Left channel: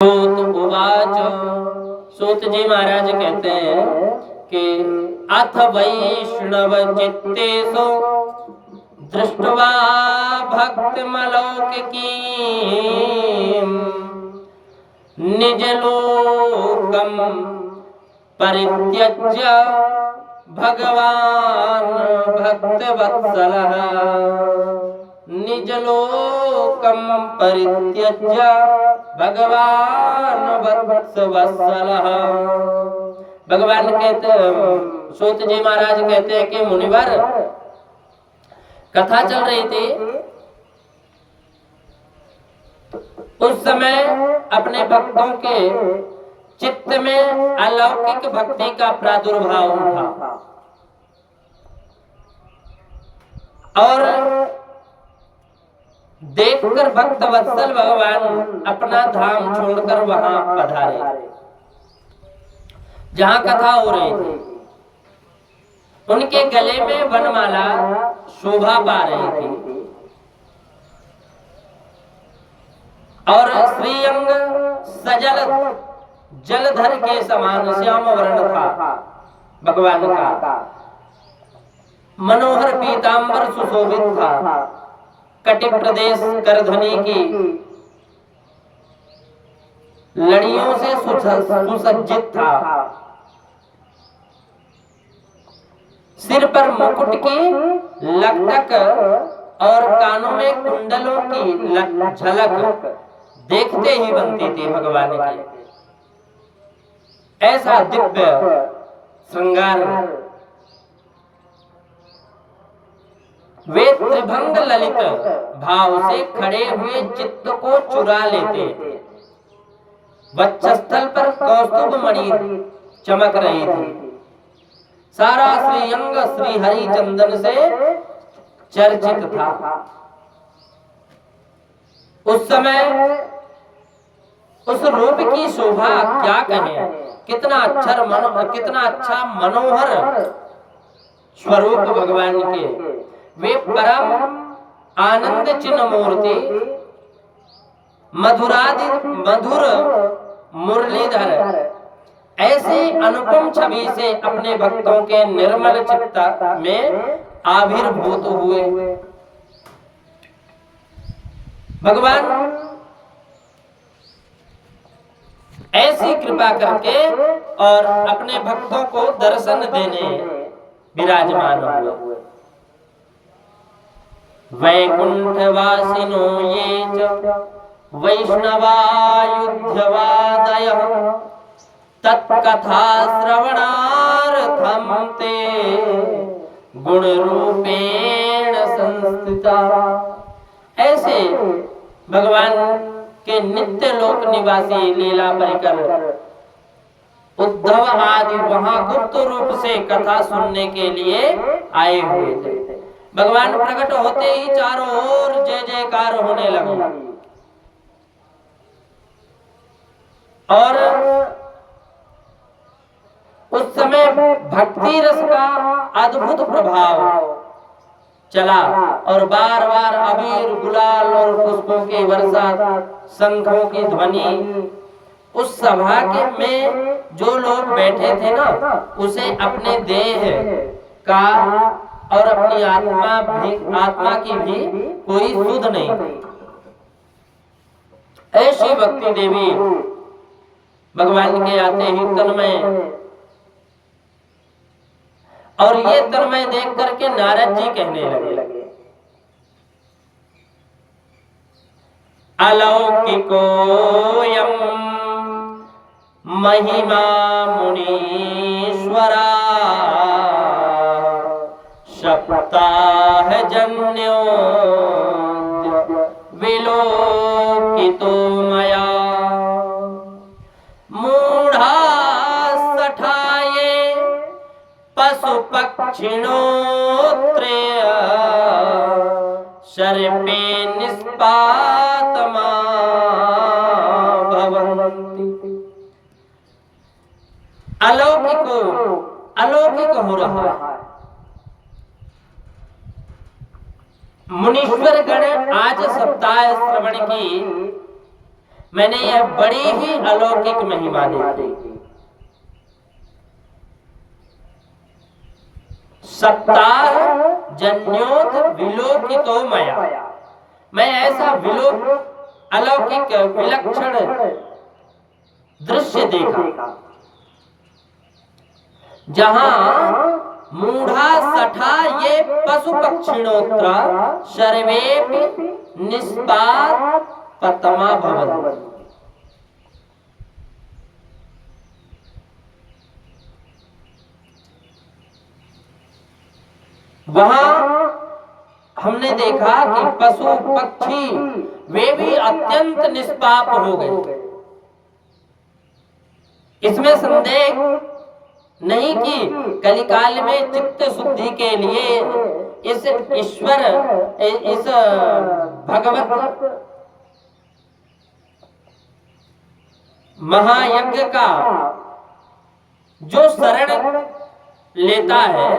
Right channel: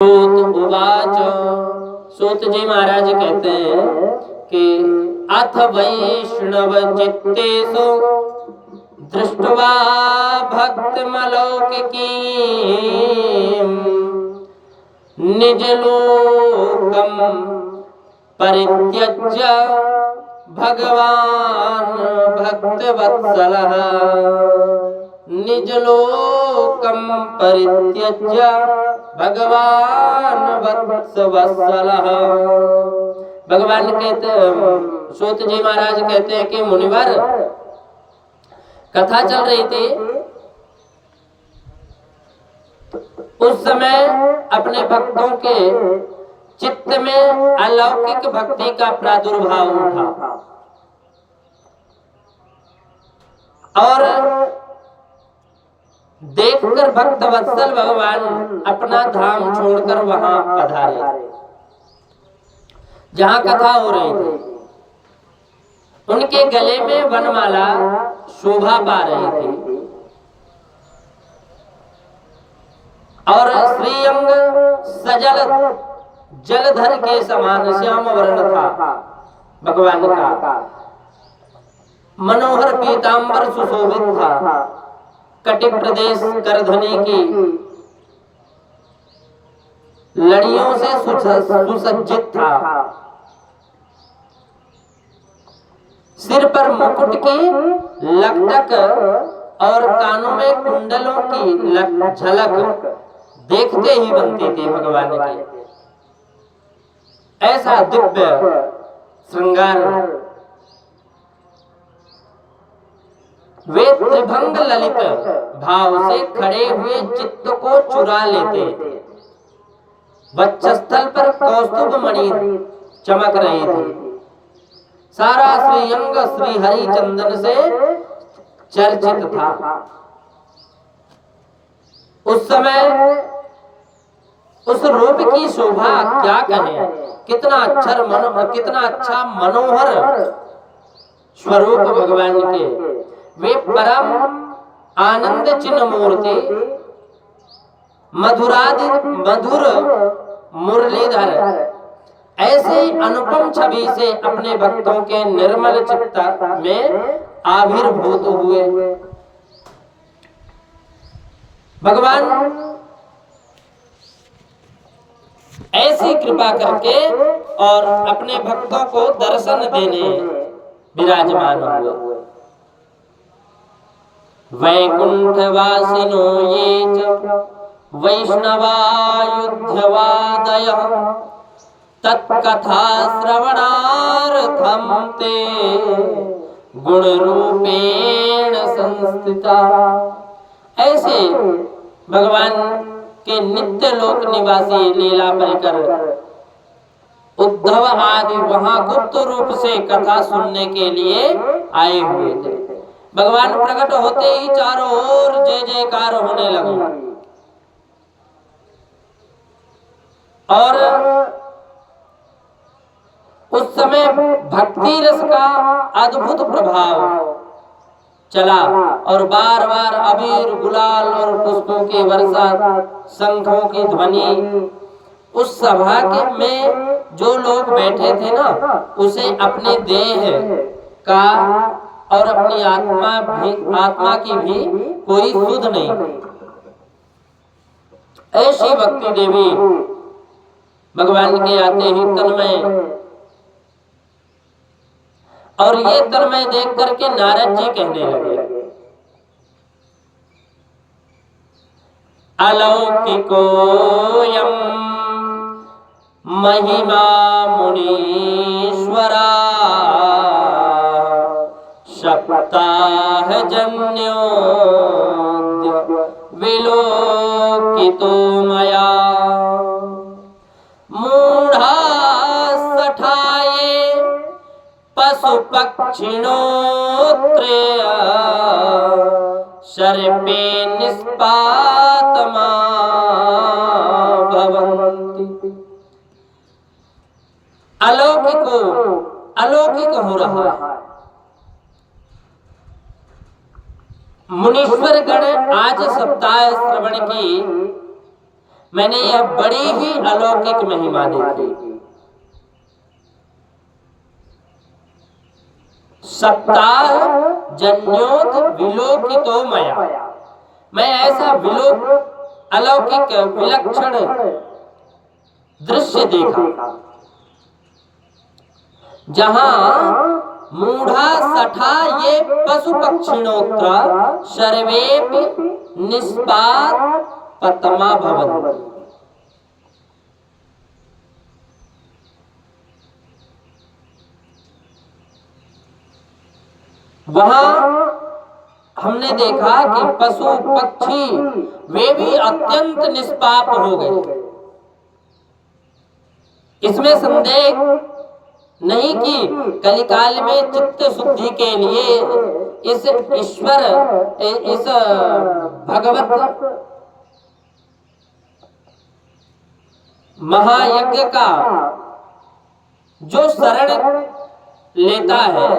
सूत उवाच। सूत जी महाराज कहते हैं कि अथ वैष्णव चित्तेषु दृष्ट्वा भक्तिमलौकिकीं निजलोकं परित्यज्य भगवान् भक्तवत्सलः निजलोकं परित्यज्य भगवान वत्सवत्सलः। भगवान कहते, सूत जी महाराज कहते हैं कि मुनिवर, कथा चल रही थी, उस समय अपने भक्तों के चित्त में अलौकिक भक्ति का प्रादुर्भाव उठा और देखकर भक्त वत्सल भगवान अपना धाम छोड़कर वहां पधारे जहां कथा हो रही थी। उनके गले में वनमाला शोभा पा रही थी और श्रीअंग सजल जलधर के समान श्याम वर्ण था भगवान का। मनोहर पीतांबर सुशोभित था, कटि प्रदेश करधनी की लड़ियों से सुसज्जित था, सिर पर मुकुट की लकटक और कानों में कुंडलों की झलक देखते ही बनती थी भगवान की। ऐसा दिव्य श्रृंगार। वे त्रिभंग ललित भाव से खड़े हुए चित्त को चुरा लेते। वक्षस्थल पर कौस्तुभ मणि चमक रही थी। सारा श्रीअंग श्री हरि चंदन से चर्चित था। उस समय उस रूप की शोभा क्या कहें। कितना अच्छा मनोहर स्वरूप भगवान के। वे परम आनंद चिन्ह मूर्ति, मधुर मुरलीधर, ऐसी अनुपम छवि से अपने भक्तों के निर्मल चित्त में आविर्भूत हुए। भगवान ऐसी कृपा करके और अपने भक्तों को दर्शन देने विराजमान हुए। वैकुंठवासिनो ये च वैष्णवायुध्यवादयः तत्कथा श्रवणार्थं ते गुणरूपेण संस्थिता। ऐसे भगवान के नित्य लोक निवासी लीला परिकर उद्धव आदि वहां गुप्त रूप से कथा सुनने के लिए आए हुए थे। भगवान प्रकट होते ही चारों ओर जय जयकार होने लगी और उस समय भक्ति रस का अद्भुत प्रभाव चला और बार बार अबीर गुलाल और पुष्पों की वर्षा, शंखों की ध्वनि। उस सभा के में जो लोग बैठे थे ना, उसे अपने देह का और अपनी आत्मा की भी कोई सुध नहीं थी। ऐसी भक्ति देवी भगवान के आते ही तन्मय। और ये तन्मय देख करके नारद जी कहने लगे, अलौकिकोऽयं महिमा मुनीश्वरा सप्ताह जन्योद्य विलोकितो मया मूढ़ा सठाये पशु पक्षिणोत्रेय सर्पे निष्पातमा भवन्ति। अलौकिक हो रहा है। मुनीश्वर गण आज सप्ताह श्रवण की मैंने यह बड़ी ही अलौकिक महिमा देखी। सप्ताह जन्योत विलोकितो मया, मैं ऐसा अलौकिक विलक्षण दृश्य देखा जहां मूढ़ा सठा ये पशु पक्षिणोत्र सर्वेपि निष्पात पतमा भवन्ति। वहां हमने देखा कि पशु पक्षी वे भी अत्यंत निष्पाप हो गए। इसमें संदेह नहीं कि कलिकाल में चित्त शुद्धि के लिए इस ईश्वर, इस भगवत महायज्ञ का जो शरण लेता है,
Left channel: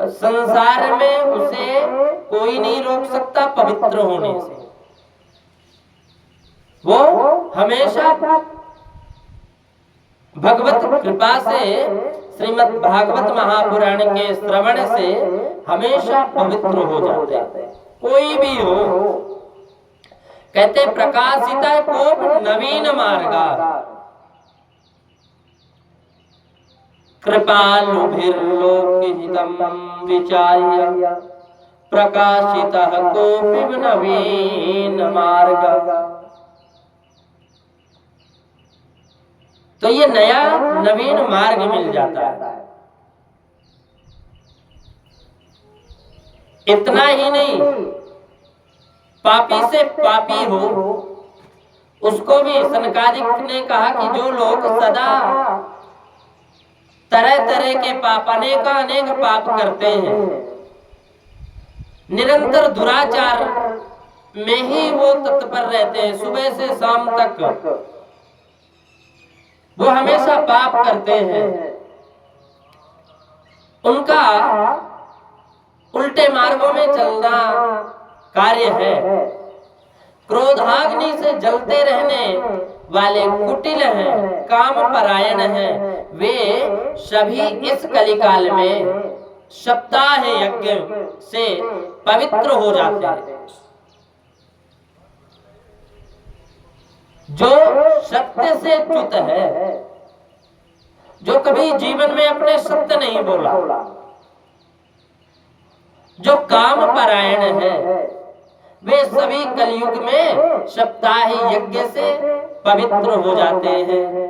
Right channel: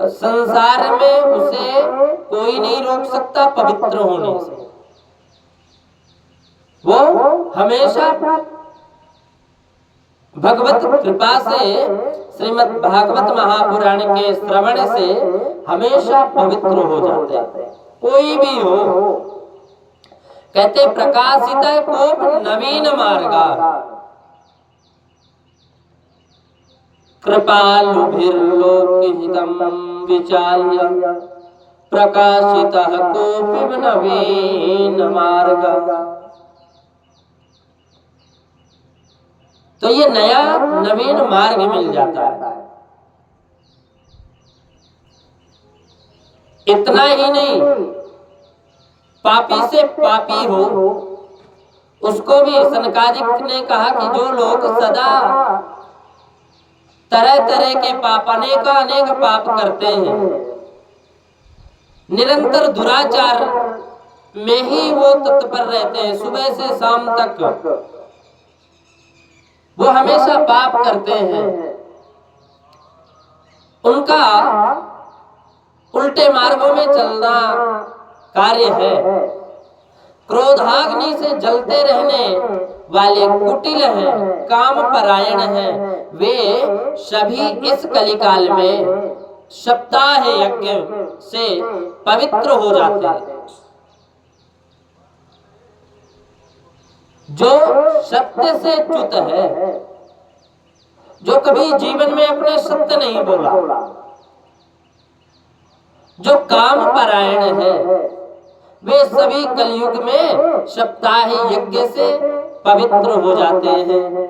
संसार में उसे कोई नहीं रोक सकता पवित्र होने से। वो हमेशा भगवत कृपा से, श्रीमद् भागवत महापुराण के श्रवण से हमेशा पवित्र हो जाते हैं, कोई भी हो। कहते प्रकाशिता कोप नवीन मार्गा, कृपालुभिर्लोकहितं विचार्य प्रकाशितः कोपि नवीन मार्गा। तो ये नया नवीन मार्ग मिल जाता है। इतना ही नहीं, पापी से पापी हो उसको भी सनकादिक ने कहा कि जो लोग सदा तरह तरह के पाप, अनेक पाप करते हैं, निरंतर दुराचार में ही वो तत्पर रहते हैं, सुबह से शाम तक वो हमेशा पाप करते हैं, उनका उल्टे मार्गों में चलना कार्य है। क्रोधाग्नि से जलते रहने वाले कुटिल हैं, काम परायण हैं, वे सभी इस कलिकाल में सप्ताह यज्ञ से पवित्र हो जाते हैं। जो सत्य से च्युत है, जो कभी जीवन में अपने सत्य नहीं बोला, जो काम परायण है, वे सभी कलयुग में सप्ताह यज्ञ से पवित्र हो जाते हैं।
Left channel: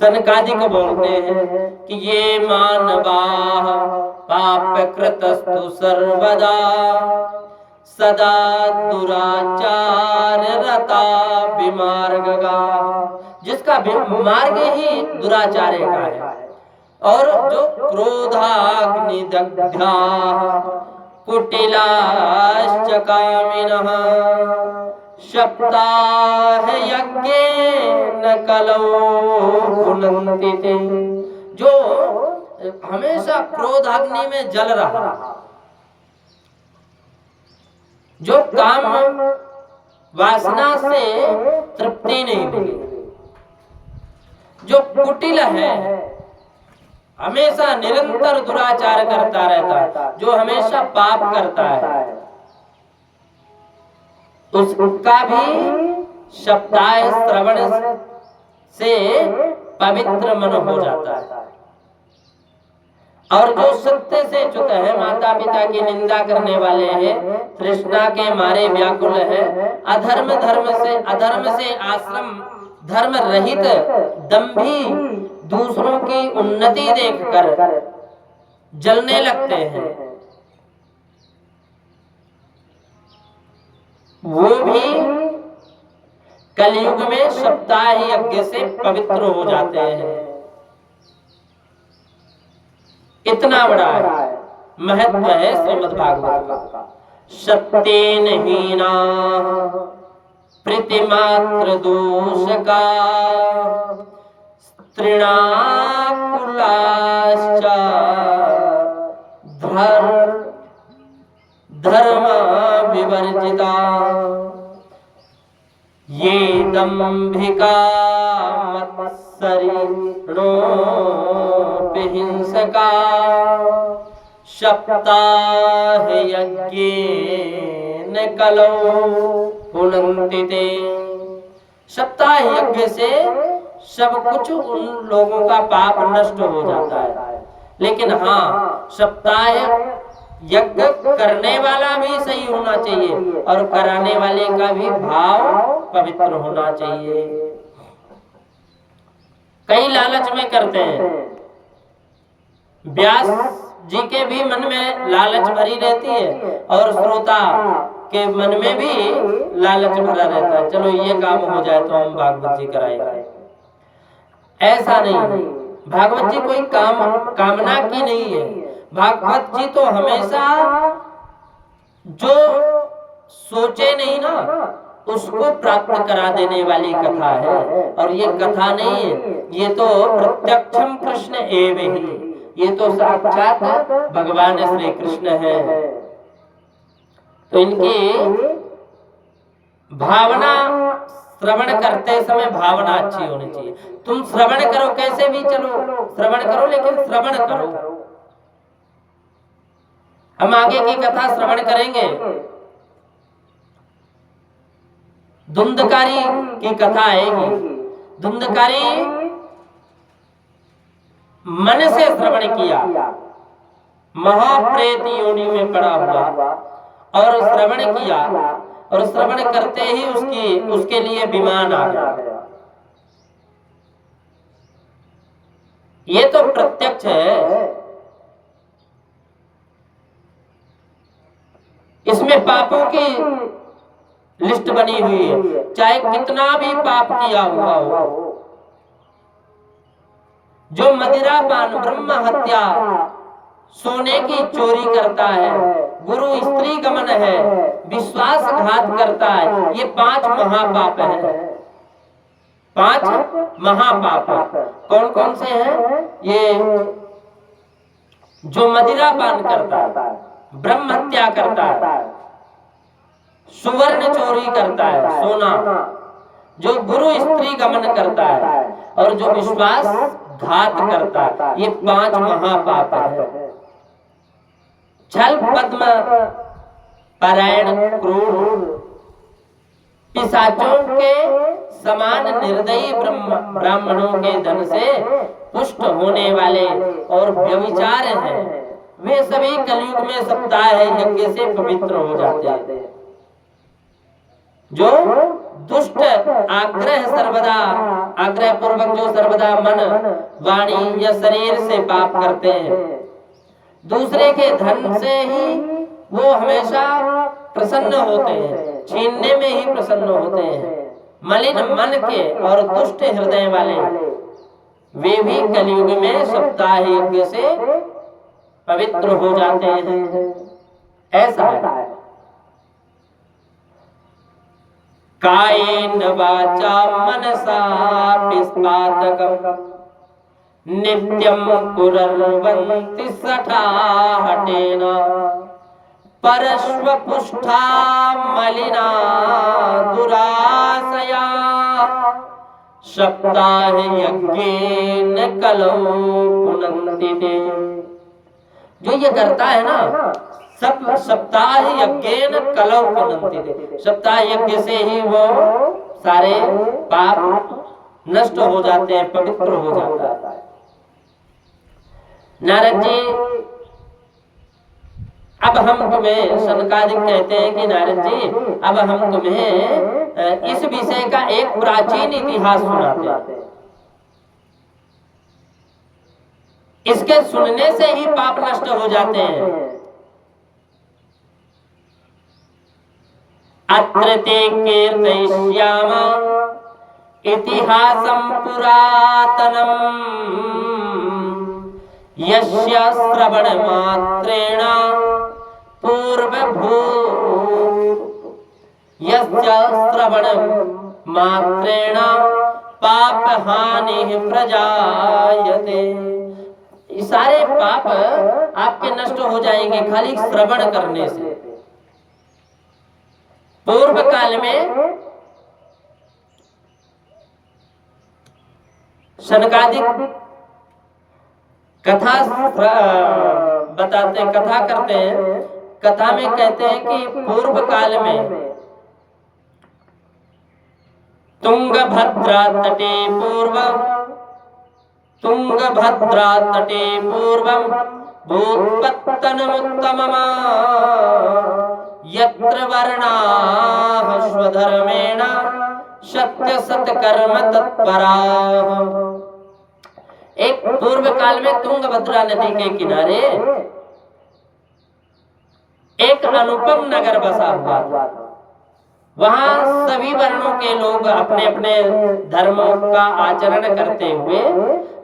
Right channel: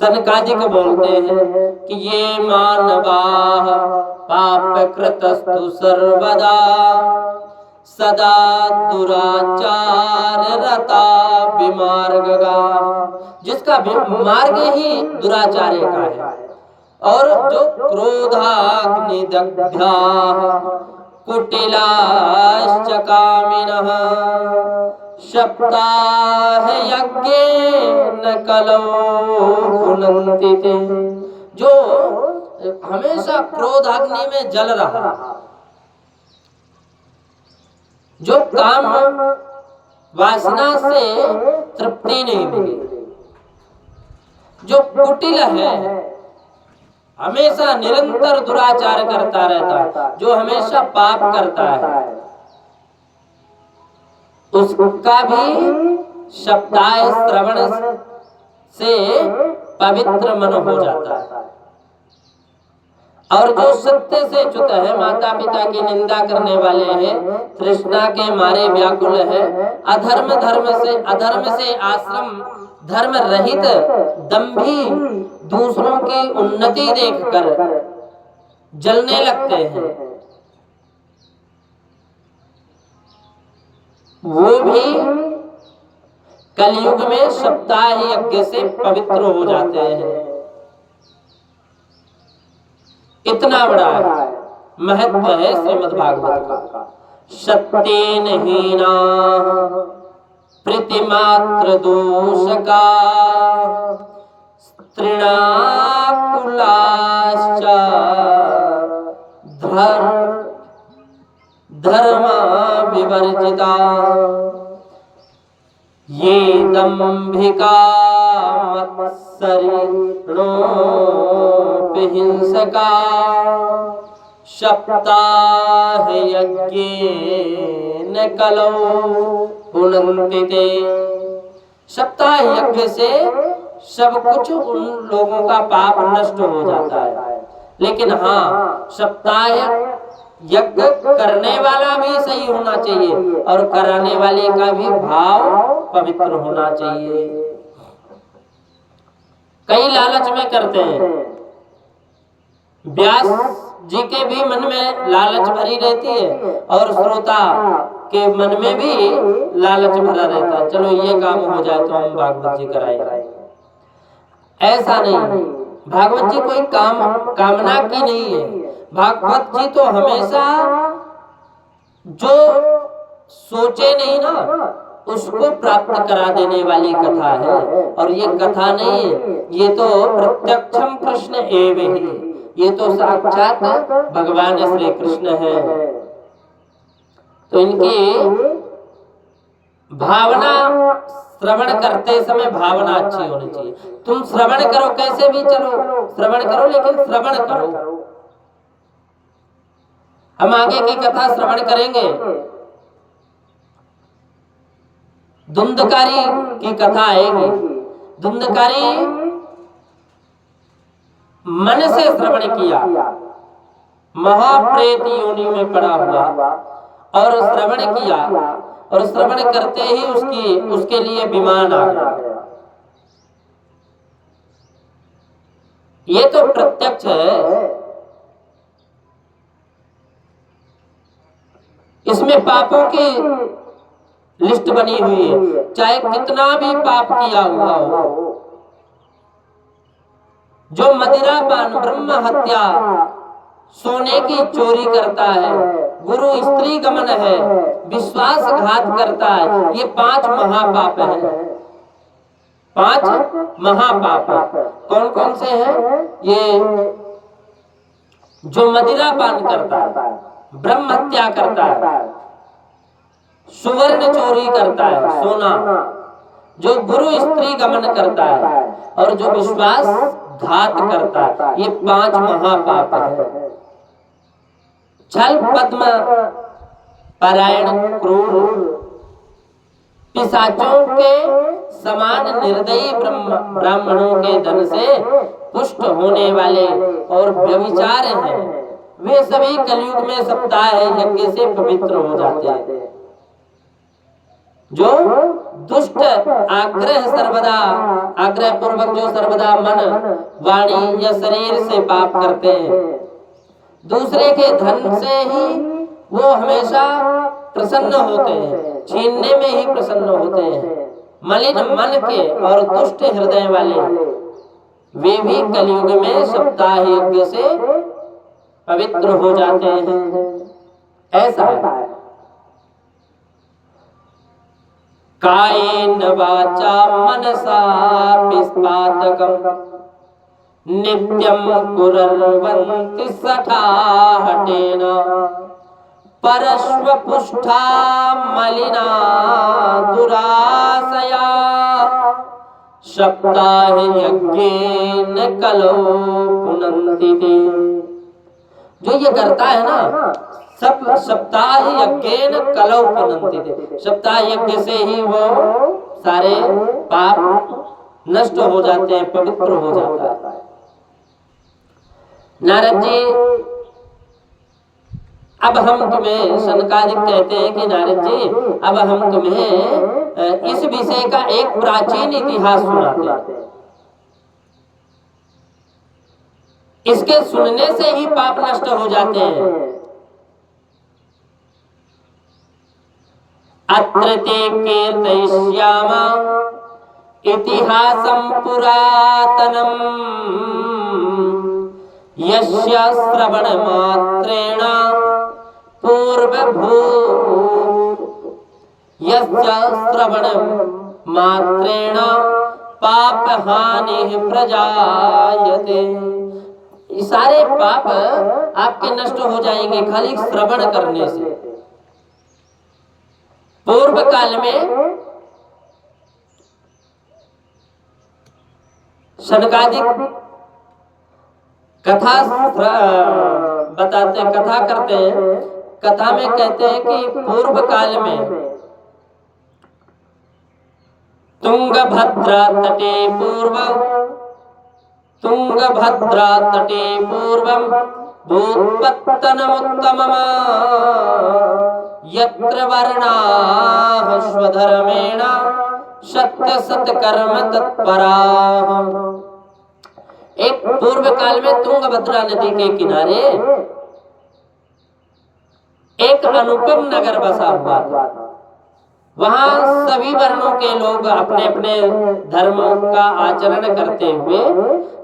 सनकादिक बोलते हैं कि ये मानवा पाप कृतस्तु सर्वदा सदा दुराचार रता विमार्गगा, जिसका मार्ग ही दुराचार्य का है। और जो क्रोधाग्नि दग्धा कुटिलाश्च कामिनः सप्ताह यज्ञेन कलौ पुनन्ति, जो हमेशा क्रोधाग्नि में जल रहा, जो काम वासना से तृप्ति नहीं मिली, जो कुटिल है, हमेशा निरंतर दुराचार करता रहता है, जो हमेशा पाप करता है, उसका भी सप्ताह श्रवण से पवित्र मन हो जाता है। और जो सत्य से च्युत है, माता पिता की निंदा करने वाले हैं, तृष्णा के मारे व्याकुल है, अधर्म से आश्रम धर्म रहित दंभी दूसरों की उन्नति देखकर जलने लगते हैं, वो भी कलयुग में सप्ताह यज्ञ से पवित्र हो जाते हैं। इतना बड़ा है, महत्व है श्रीमद् भागवत का। सत्येन हीना प्रीतिमात्र दोषका स्त्रीणाकुलाश्च धर्म विवर्जिता। ये दंभिका मत्सरिणोऽपि हिंसका सप्ताह यज्ञेन कलौ पुनन्ति ते। सप्ताह यज्ञ से सब कुछ उन लोगों का पाप नष्ट हो जाता है, लेकिन हाँ, सप्ताह यज्ञ करने वाला भी सही होना चाहिए और कराने वाले का भी भाव पवित्र होना चाहिए। कई लालच में करते हैं। व्यास जी के भी मन में लालच भरी रहती है और श्रोता के मन में भी लालच भरा रहता है, चलो ये काम हो जाए तो हम भागवत जी कराएंगे। ऐसा नहीं, भागवत जी कोई कामना की नहीं है। भागवत जी तो हमेशा जो सोचे नहीं ना उसको प्राप्त करा देने वाली कथा है। और ये कथा नहीं है, ये तो प्रत्यक्षम कृष्ण एव ही, ये तो साक्षात भगवान श्री कृष्ण है। तो इनकी भावना, श्रवण करते समय भावना अच्छी होनी चाहिए। तुम श्रवण करो, कैसे भी चलो श्रवण करो, लेकिन श्रवण करो। हम आगे की कथा श्रवण करेंगे। धुंधकारी की कथा आएगी। धुंधकारी मन से श्रवण किया, महाप्रेत योनि में पड़ा हुआ और श्रवण किया, और श्रवण करते ही उसके लिए विमान आ गया। ये तो प्रत्यक्ष है। इसमें पापों की लिस्ट बनी हुई है, चाहे कितना भी पाप किया हुआ हो। जो मदिरापान, ब्रह्म हत्या, सोने की चोरी करता है, गुरु स्त्री गमन है, विश्वासघात करता है, ये 5 महापाप हैं। 5 महापाप कौन कौन से हैं? ये जो मदिरापान करता है, ब्रह्म हत्या करता है, सुवर्ण चोरी करता है, सोना, जो गुरु स्त्री गमन करता है, और जो विश्वास घात करता है, ये 5 महापाप है। छल, पद्म परायण, क्रूर, पिशाचों के समान निर्दयी ब्राह्मणों के धन से पुष्ट होने वाले और व्यभिचार हैं, वे सभी कलयुग में सप्ताह यज्ञ से पवित्र हो जाते हैं। जो दुष्ट आग्रह पूर्वक जो सर्वदा मन, वाणी या शरीर से पाप करते हैं, दूसरे के धन से ही वो हमेशा प्रसन्न होते हैं, छीनने में ही प्रसन्न होते हैं। मलिन मन के और दुष्ट हृदय वाले वे भी कलयुग में सप्ताह यज्ञ से पवित्र हो जाते हैं। ऐसा है। कायेन वाचा मनसा पिस्पातकम नित्यं कुर्वन्ति सठाहटेन परश्वपुष्ठा मलिना दुराशया सप्ताह यज्ञेन कलौ पुनन्ति ते। जो ये करता है ना, सब सप्ताह यज्ञेन कलौ पुनन्ति ते, सप्ताह यज्ञ से ही वो सारे पाप नष्ट हो जाते हैं, पवित्र हो जाता है। नारद जी, अब हम तुम्हें, सनकादिक कहते हैं कि नारद जी, अब हम तुम्हें इस विषय का एक प्राचीन इतिहास सुनाते हैं। इसके सुनने से ही पाप नष्ट हो जाते हैं। अत्र ते कीर्तयिष्याम इतिहासं पुरातनम् यस्य श्रवण मात्रेण पाप हानि प्रजायते। सारे पाप आपके नष्ट हो जाएंगे खाली श्रवण करने से। पूर्व काल में शनकादिक कथा बताते, कथा करते हैं। कथा में कहते हैं कि पूर्व काल में तुंगभद्रा तटे पूर्वं भूत्पत्तनमुत्तमम् यत्र वर्णाः स्वधर्मेण सत्य सत्कर्म तत्पराः। एक पूर्व काल में तुंगभद्रा नदी के किनारे एक अनुपम नगर बसा हुआ था। वहां सभी वर्णों के लोग अपने अपने धर्मों का आचरण करते हुए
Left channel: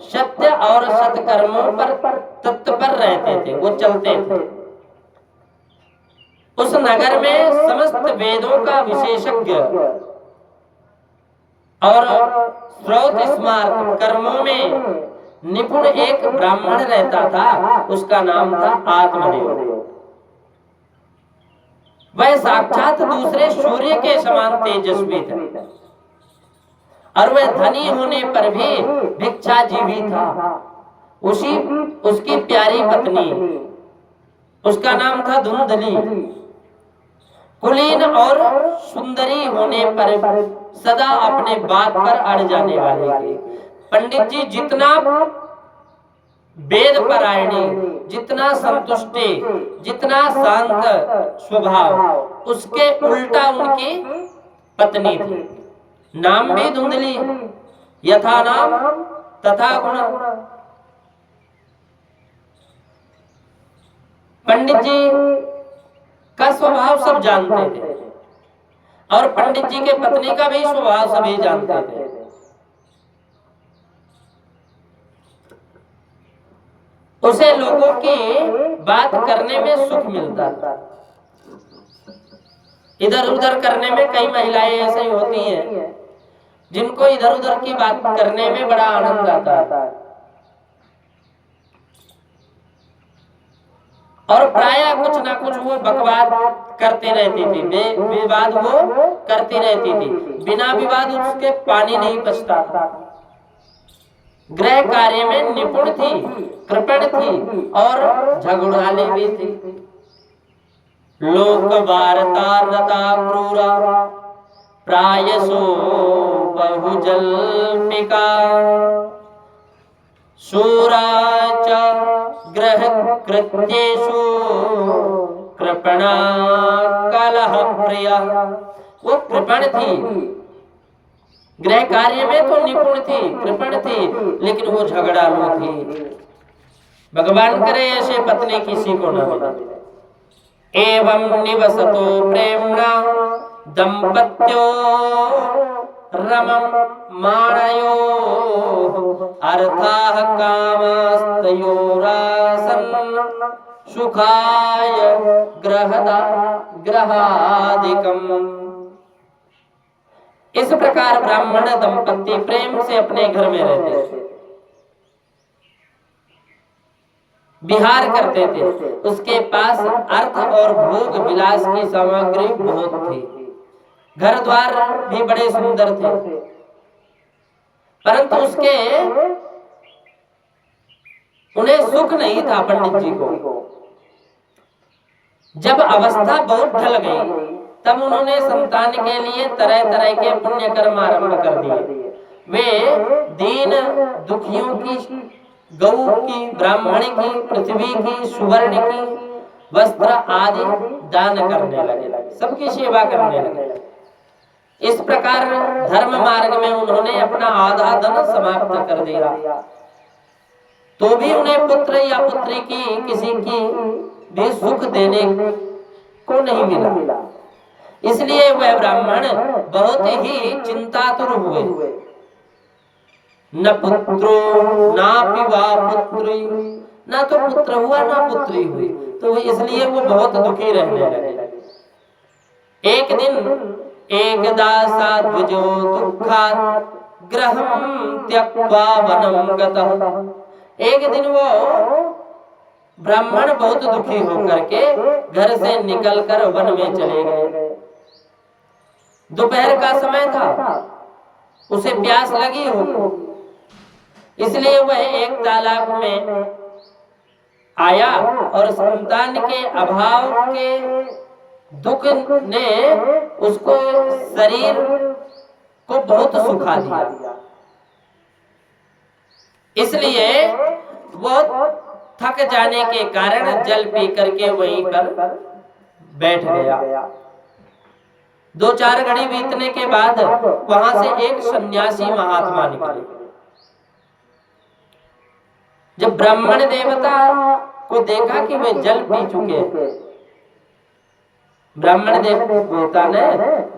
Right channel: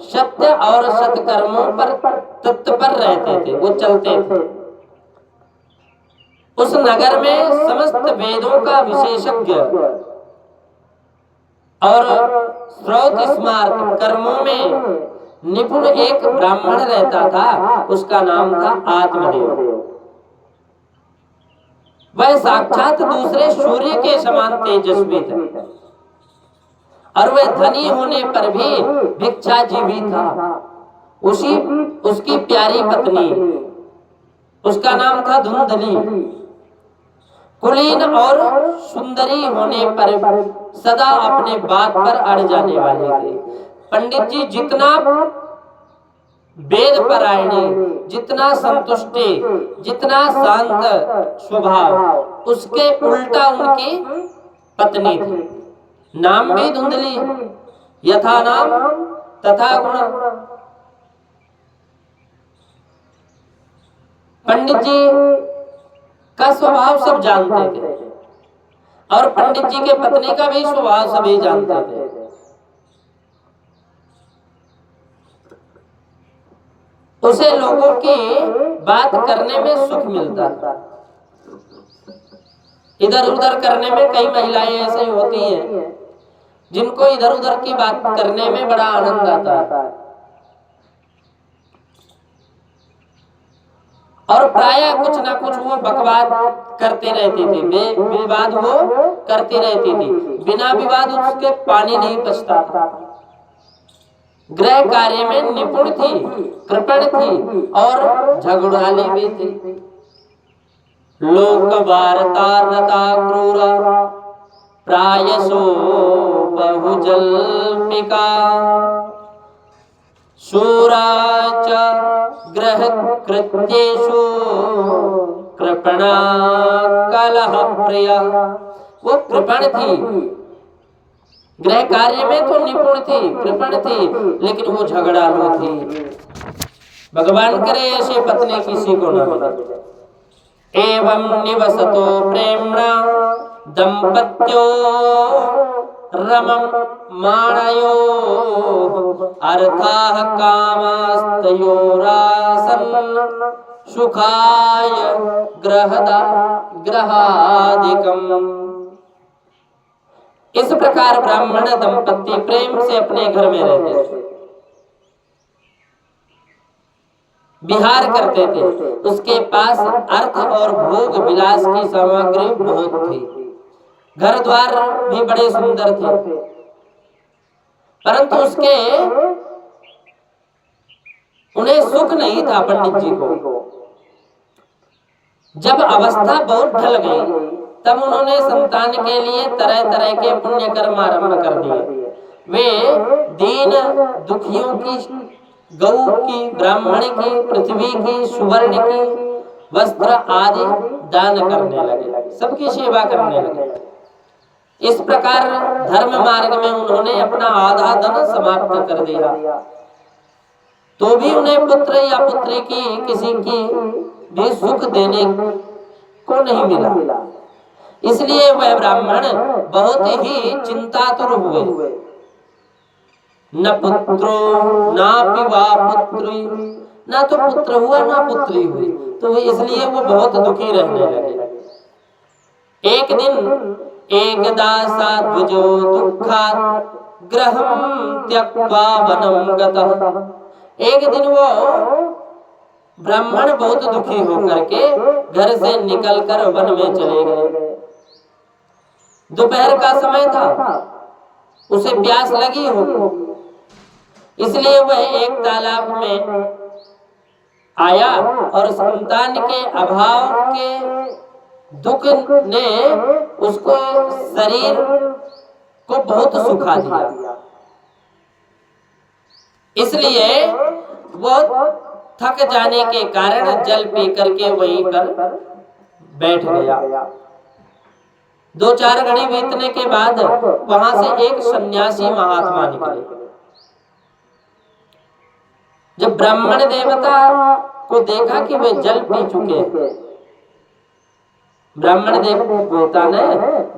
सत्य और सत्कर्मों पर तत्पर रहते थे, वो चलते थे। उस नगर में समस्त वेदों का विशेषज्ञ और श्रौत स्मार्त कर्मों में निपुण एक ब्राह्मण रहता था। उसका नाम था आत्मदेव। वह साक्षात दूसरे सूर्य के समान तेजस्वी थे और वह धनी होने पर भी भिक्षाजीवी था। उसकी प्यारी पत्नी, उसका नाम था धुंधली, कुलीन और सुंदरी होने पर सदा अपने बात पर अड़ जाने वाली थी। पंडित जी जितना वेद परायणी, जितना संतुष्टि, जितना शांत स्वभाव, उसके उल्टा उनकी पत्नी थी। नाम भी धुंधली, यथा नाम तथा गुण। पंडित जी का स्वभाव सब जानते थे और पंडित जी के पत्नी का भी स्वभाव सभी जानते थे। उसे लोगों की बात करने में सुख मिलता था। इधर उधर करने में कई महिलाएं ऐसी होती हैं जिनको इधर उधर की बात करने में बड़ा आनंद आता है और प्रायः कुछ ना कुछ वो बकवाद करते रहती थी, विवाद वो करती रहती थी। बिना विवाद उसके पानी नहीं पचता था। गृह कार्य में निपुण थी, कृपण थी और झगड़ाली भी थी। लोक वार्तारता क्रूरा प्रायसो बहुजल्पिका शूरा च ग्रह कृत्येषु कृपणा कलह प्रिया। वो कृपण थी, गृह कार्य में तो निपुण थी, कृपण थी, लेकिन वो झगड़ालू थी। भगवान करे ऐसे पत्नी किसी को न मिले। एवं निवसतो प्रेम्णा दंपत्यो रमं माणयो अर्थाः कामस्तयोरासन् सुखाय ग्रहादिकम्। इस प्रकार ब्राह्मण दंपति प्रेम से अपने घर में रहते थे, विहार करते थे। उसके पास अर्थ और भोग विलास की सामग्री बहुत थी, घर द्वार भी बड़े सुंदर थे, परंतु उन्हें सुख नहीं था। पंडित जी को जब अवस्था बहुत ढल गई तब उन्होंने संतान के लिए तरह तरह के पुण्य कर्म आरंभ कर दिए। वे दीन दुखियों की, गौ की, ब्राह्मण की, पृथ्वी की, सुवर्ण की वस्त्र आदि दान करने लगे, सबकी सेवा करने लगे। इस प्रकार धर्म मार्ग में उन्होंने अपना आधा धन समाप्त कर दिया, तो भी उन्हें पुत्र या पुत्री की किसी की भी सुख देने को नहीं मिला। इसलिए वह ब्राह्मण बहुत ही चिंतातुर हुए। न पुत्रो ना पिवा पुत्री, ना तो पुत्र हुआ ना पुत्री हुई, तो इसलिए वो बहुत दुखी रहने लगे। एक दिन एकदा सा द्विजो दुःखात् गृहं त्यक्त्वा वनं गतः। एक दिन वो ब्राह्मण बहुत दुखी होकर के घर से निकलकर वन में चले गए। दोपहर का समय था, उसे प्यास लगी हो, इसलिए वह एक तालाब में आया और संतान के अभाव के दुख ने उसको शरीर को बहुत सुखा दिया। इसलिए वो थक जाने के कारण जल पी करके वहीं पर बैठ गया। 2-4 घड़ी बीतने के बाद वहां से एक सन्यासी महात्मा निकले। जब ब्राह्मण देवता को देखा कि वे जल पी चुके, ब्राह्मण देवता ने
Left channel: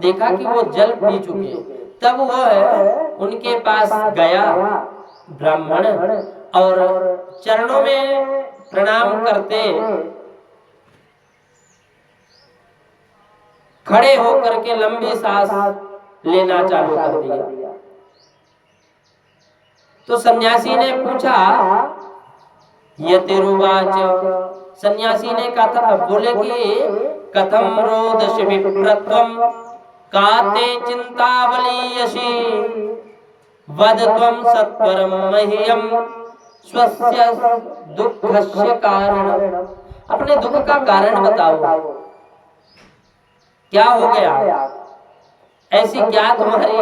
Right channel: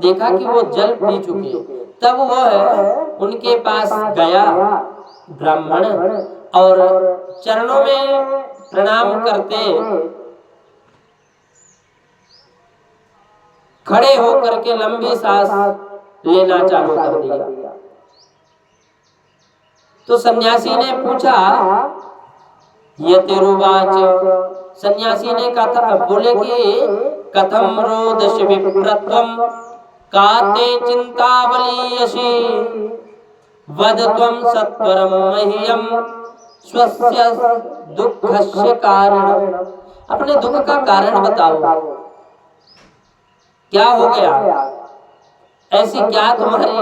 देखा कि वो जल पी चुके, तब वो उनके पास गया ब्राह्मण और चरणों में प्रणाम करते खड़े होकर के लंबी सांस लेना चालू कर दिया। तो सन्यासी ने पूछा, यतिरुवाच, सन्यासी ने कहा, बोले कि कथम रोदश विप्रत्वम काते चिंतावलीयसी वद त्वं सत्वरम मह्यम स्वस्य दुःखस्य कारण। अपने दुख का कारण बताओ, क्या हो गया, ऐसी क्या तुम्हारी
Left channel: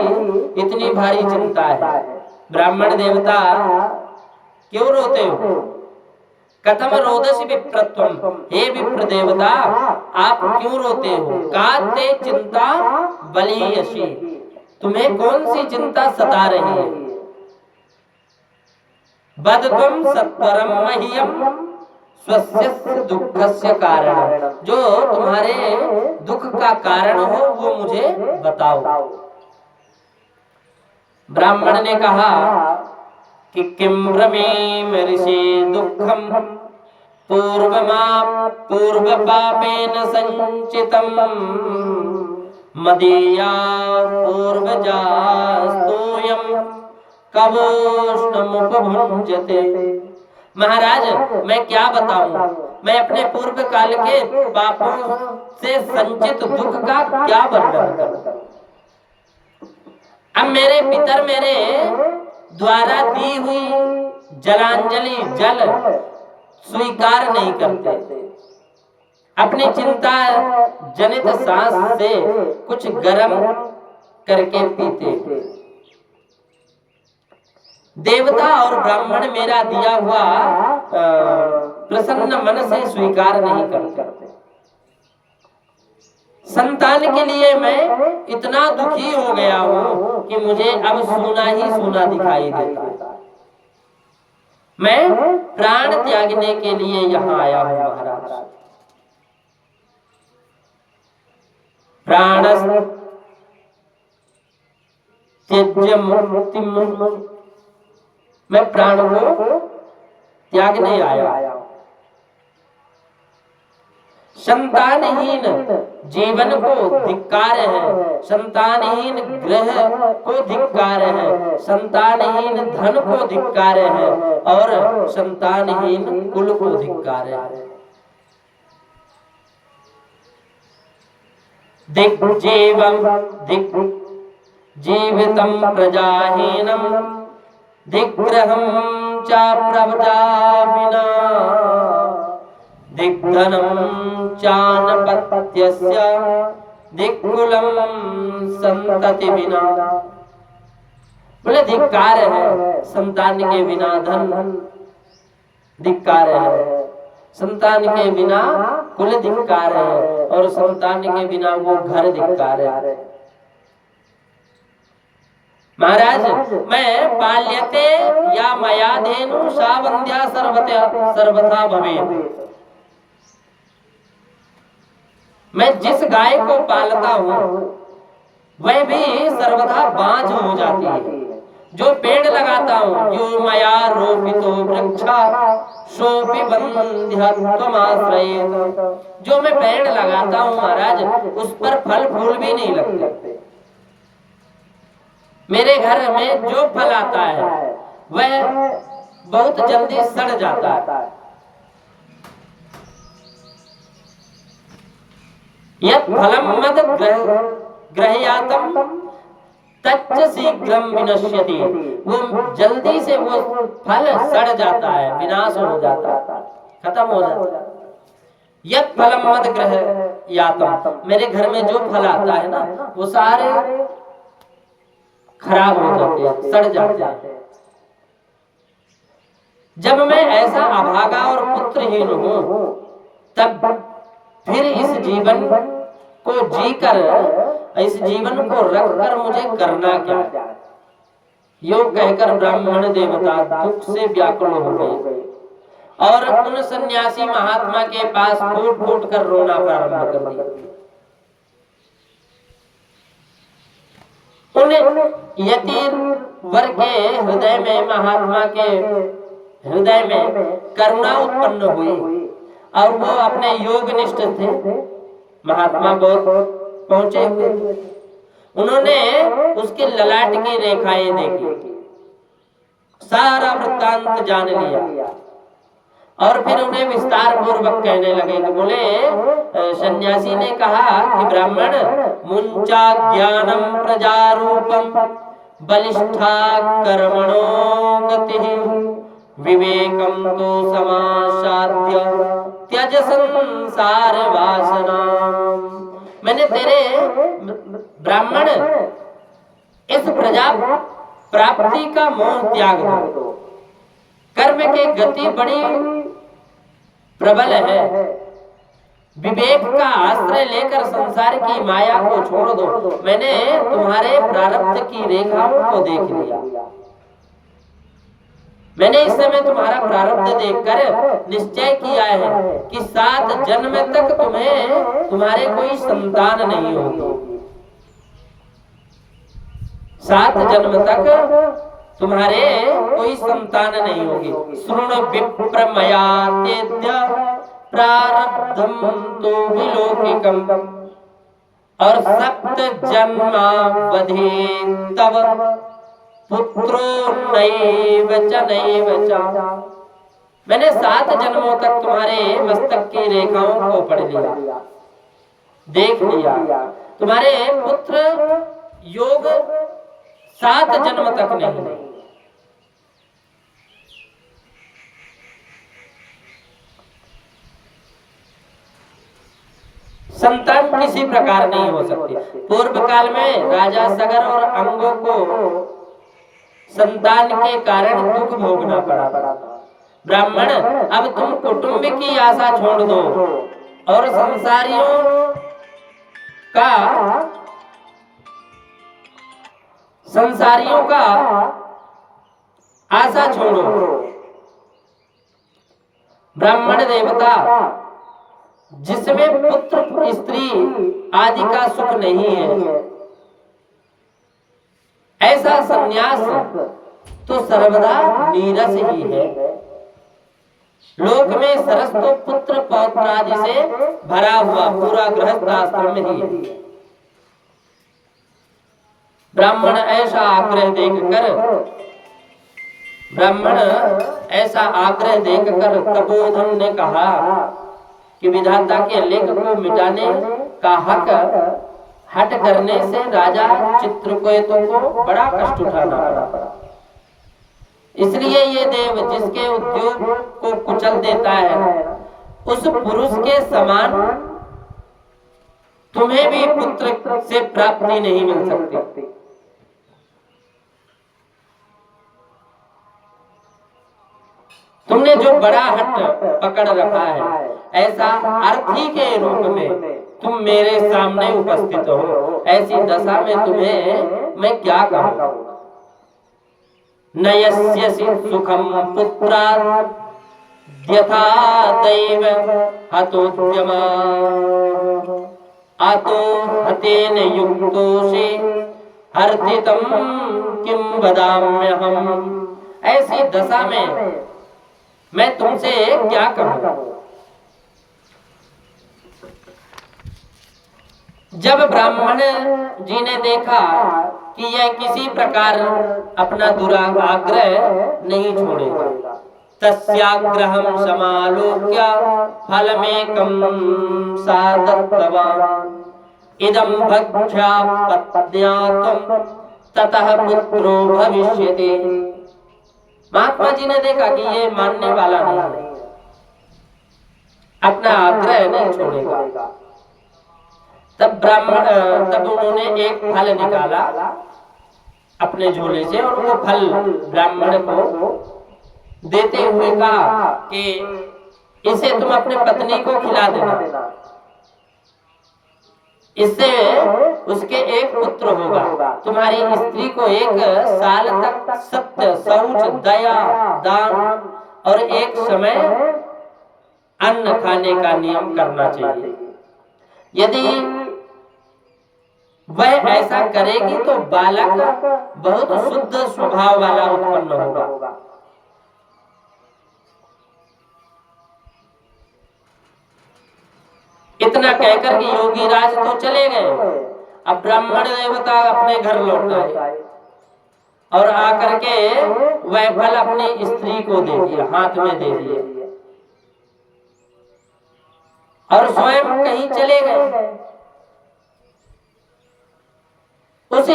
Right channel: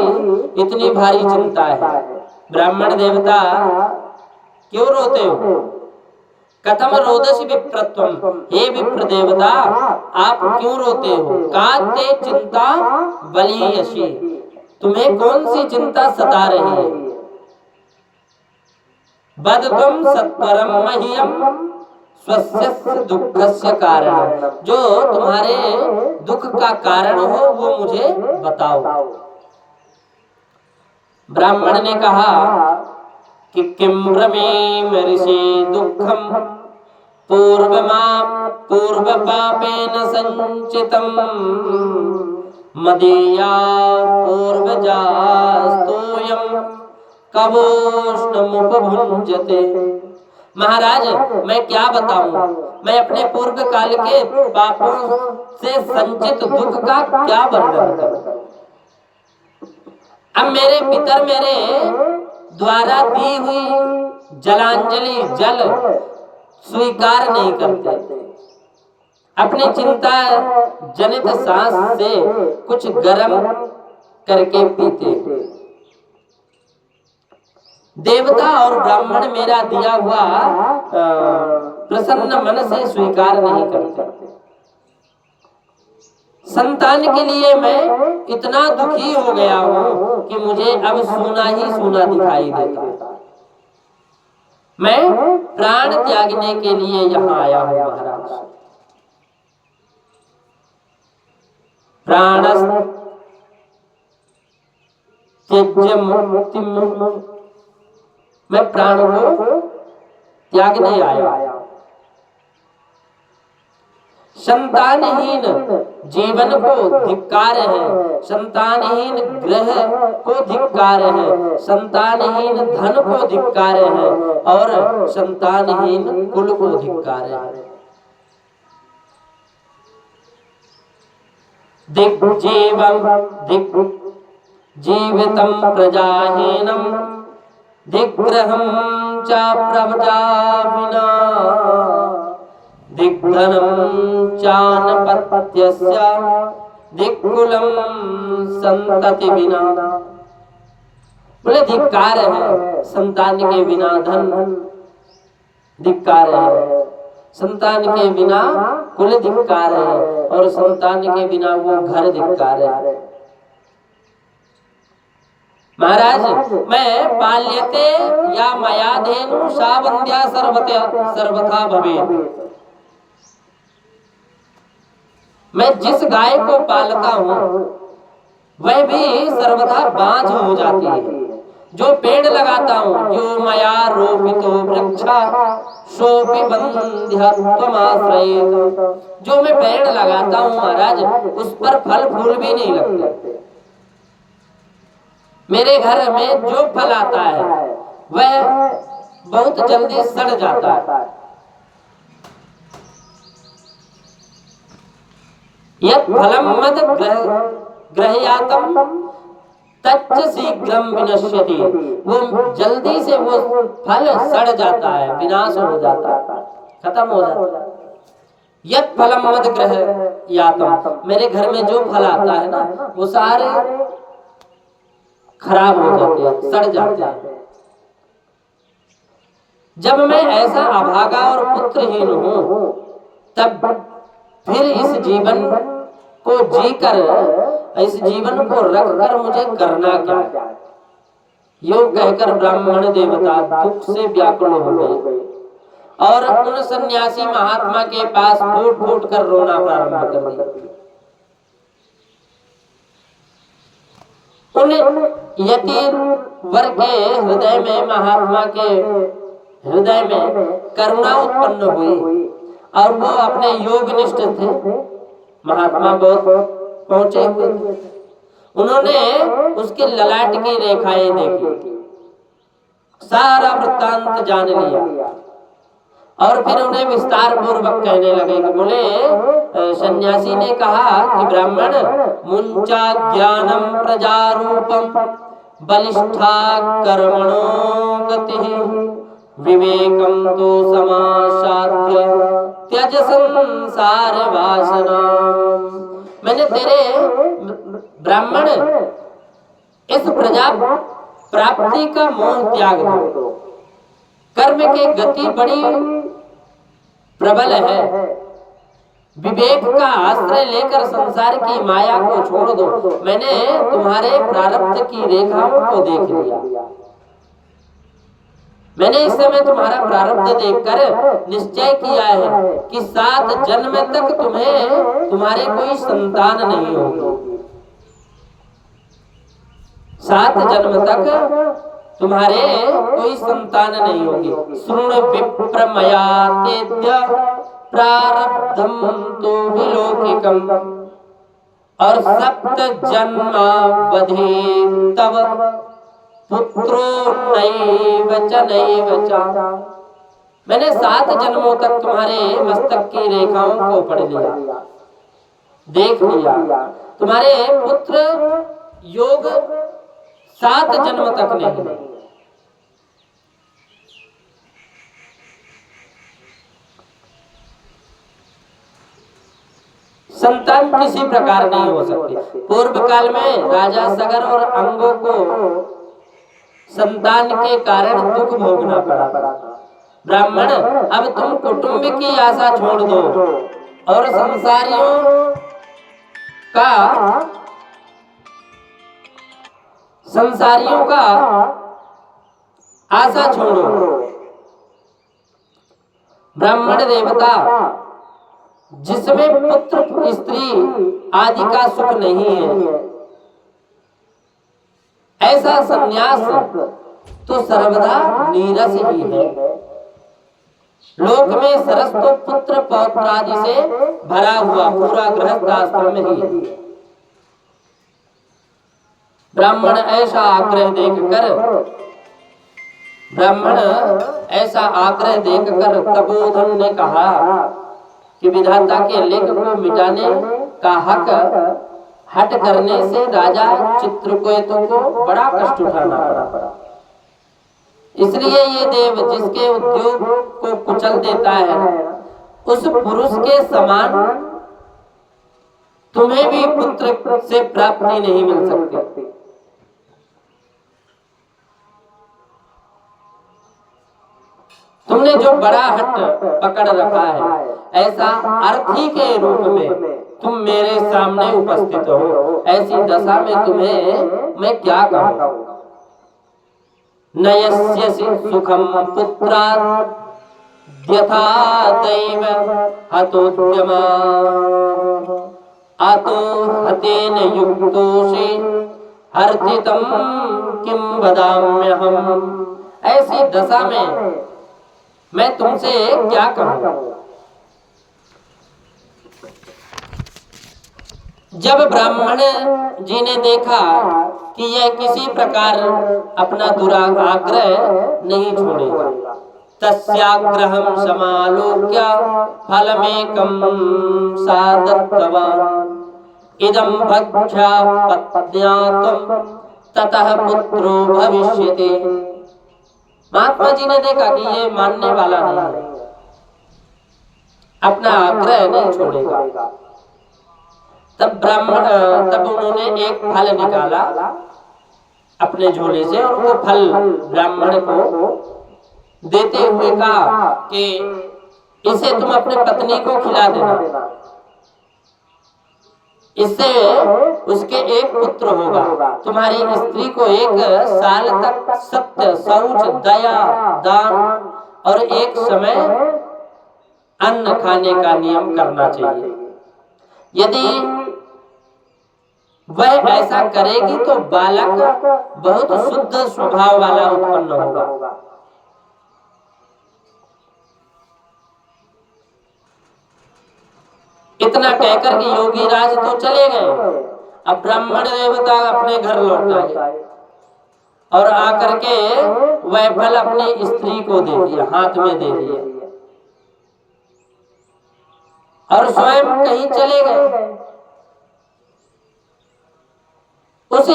इतनी भारी चिंता है? ब्राह्मण देवता क्यों रोते हो? कथम रोदस विप्रत्वम, हे विप्र देवता आप क्यों रोते हो? काते चिंता बलीयसी, तुम्हें कौन सी चिंता सता रही है? बद तुम सत्वरम मह्यम स्वस्य दुःखस्य कारण, जो तुम्हारे दुख का कारण हो वो मुझे बताओ। ब्राह्मण ने कहा कि किम ब्रवीम ऋषि दुःखम पूर्व पापेन संचितम मदीया पूर्वजास्तोयम कवोष्णमुपभुञ्जते। महाराज मैं क्या बताऊं, मैं अपने पूर्व काल के पापों से संचित दुख का क्या वर्णन करूं। अब मेरे पितर मेरे द्वारा दी हुई जलांजलि जल स्वीकार नहीं करते, अपनी चिंता जनित सांस से कुछ गर्म करके पीते। देवता और ब्राह्मण मेरा दिया हुआ प्रसन्न मन से स्वीकार नहीं करते। संतान के लिए मैं इतना दुखी हो गया हूं कि मुझे अब सूना ही सूना दिखाई देता है। मैं प्राण त्यागने के लिए यहाँ आया हूं महाराज। प्राण त्यज्य मुक्ति, मैं प्राण को त्यागने आया। संतानहीन जीवन को धिक्कार है, संतानहीन ग्रह को धिक्कार है, संतानहीन धन को धिक्कार है और संतानहीन कुल को धिक्कार है। जीवितम प्रजाहीनम दिग्ग्रहं च प्रजा विना दिग्धनं चानपत्यस्य दिक्कुलं संतति बिना। बोले धिक्कार है संतान के बिना धन, धिक्कार है संतान के बिना कुल, धिक्कार है और संतान के बिना वो घर, धिक्कार है। महाराज मैं पाल्यते या मया धेनु सा वंद्या सर्वथा भवेत्। मैं जिस गाय को पालता हूँ वह भी सर्वथा बाँझ हो जाती है। जो पेड़ लगाता हूँ, जो मया रोपितो वृक्षा सोपि बन्ध्यत्वमाश्रयेत्, जो मैं पेड़ लगाता हूँ महाराज उस पर फल फूल भी नहीं लगते। मेरे घर में जो फल आता है वह बहुत जल्दी सड़ जाता है। यत् फलम मद ग्रह्यातम तच्च शीघ्रम विनश्यति, वो जल्दी से वो फल सड़ जाता है, विनाश हो जाता है, खत्म हो जाता है। यत् फलम मद ग्रह यातम, मेरे घर में जो फल आता है ना वो सारे खराब हो जाते हैं, सड़ जाते हैं। जब मैं ऐसा अभागा और पुत्रहीन हूं, तब फिर इस जीवन को जीकर, इस जीवन को रखकर मुझे करना क्या है? यो कहकर ब्राह्मण देवता दुख से व्याकुल हो गए और उन सन्यासी महात्मा के पास फूट फूट कर रोना प्रारंभ कर दिया। उन यति वर के हृदय में, महात्मा के हृदय में करुणा उत्पन्न हुई और वो अपने योग निष्ठ थे, महात्मा बहुत पहुंचे हुए थे। उन्होंने उसके ललाट की रेखाएं देखी, सारा वृत्तांत जान लिया और फिर उन्हें विस्तार पूर्वक कहने लगे कि बोले, सन्यासी ने कहा कि ब्राह्मण, मुंचा ज्ञानम प्रजारूपम बलिष्ठा कर्मणो गतिः विवेकम तो समासाद्य त्यज संसार वासना। मैंने तेरे ब्राह्मण इस प्रजा प्राप्ति का मोह त्याग दो, कर्म की गति बड़ी प्रबल है, विवेक का आश्रय लेकर संसार की माया को छोड़ दो। मैंने तुम्हारे प्रारब्ध की रेखाओं को देख लिया, मैंने इस समय तुम्हारा प्रारब्ध देखकर निश्चय किया है कि 7 जन्म तक तुम्हें तुम्हारे कोई संतान नहीं होगी, 7 जन्म तक तुम्हारे कोई संतान नहीं होगी। श्रुण विप्र मया तेद्य प्रारब्धम तो विलोकिकम और 7 जन्मावधि तव पुत्रो नैव च। मैंने 7 जन्मों तक तुम्हारे मस्तक की रेखाओं को पढ़ लिया, देख लिया। तुम्हारे पुत्र योग 7 जन्म तक नहीं। संतान किसी प्रकार नहीं हो सकती। पूर्व काल में राजा सगर और अंगों को संतान के कारण दुख भोगना पड़ा। ब्राह्मण, अब तुम कुटुंब की आशा छोड़ दो और संसारियों का आशा छोड़ो। ब्राह्मण देवता जिसमें पुत्र स्त्री आदि का सुख नहीं है, ऐसा संन्यास तो सर्वदा नीरस ही है। लोक में सरस तो पुत्र पौत्र आदि से भरा हुआ पूरा गृहस्थ आश्रम ही है। ब्राह्मण ऐसा आग्रह देखकर तपोधन ने कहा कि विधाता के लेख को मिटाने का हट करने से राजा चित्रकेतु को बड़ा कष्ट उठाना पड़ा। इसलिए ये देव जिसके उद्योग को कुचल देता है, उस पुरुष के समान तुम्हें भी पुत्र से प्राप्ति नहीं मिल सकती। तुमने जो बड़ा हट पकड़ रखा है, ऐसा अर्थी के रूप में तुम मेरे सामने उपस्थित हो, ऐसी दशा में तुम्हें मैं क्या कहूं। नयस्यसि सुखम पुत्रात् यथा दैव हतोद्यमा आतो हतेन युक्तोषि हर्तितं किं वदाम्यहम्। ऐसी दशा में मैं तुमसे क्या कहूं। जब ब्राह्मण जी ने देखा कि यह किसी प्रकार अपना दुराग्रह नहीं छोड़ेगा, तस्याग्रहं समालोक्य फलमेकं सा दत्तवान् इदं भक्ष्या पत्न्या त्वं ततः पुत्रो भविष्यति। महात्मा जी ने देखा कि ये मानने वाला नहीं है, अपना आग्रह नहीं छोड़ेगा। तब उन्होंने एक फल निकाला अपने झोले से और वो फल ब्राह्मण को देते हुए कहा कि इसे तुम अपने पत्नी को खिला देना, इससे उसके एक पुत्र होगा। तुम्हारी स्त्री को 1 साल तक सत्य, शौच, दया, दान और एक समय अन्न खाने का नियम करना चाहिए। यदि वह ऐसा करेगी तो बालक बहुत शुद्ध स्वभाव वाला उत्पन्न होगा। इतना कहकर कि योगी राज तो चले गए। अब ब्राह्मण देवता अपने घर लौट आए और आकर के वह फल अपनी स्त्री को दे दिया, हाथ में दे दिया और स्वयं कहीं चले गए। उस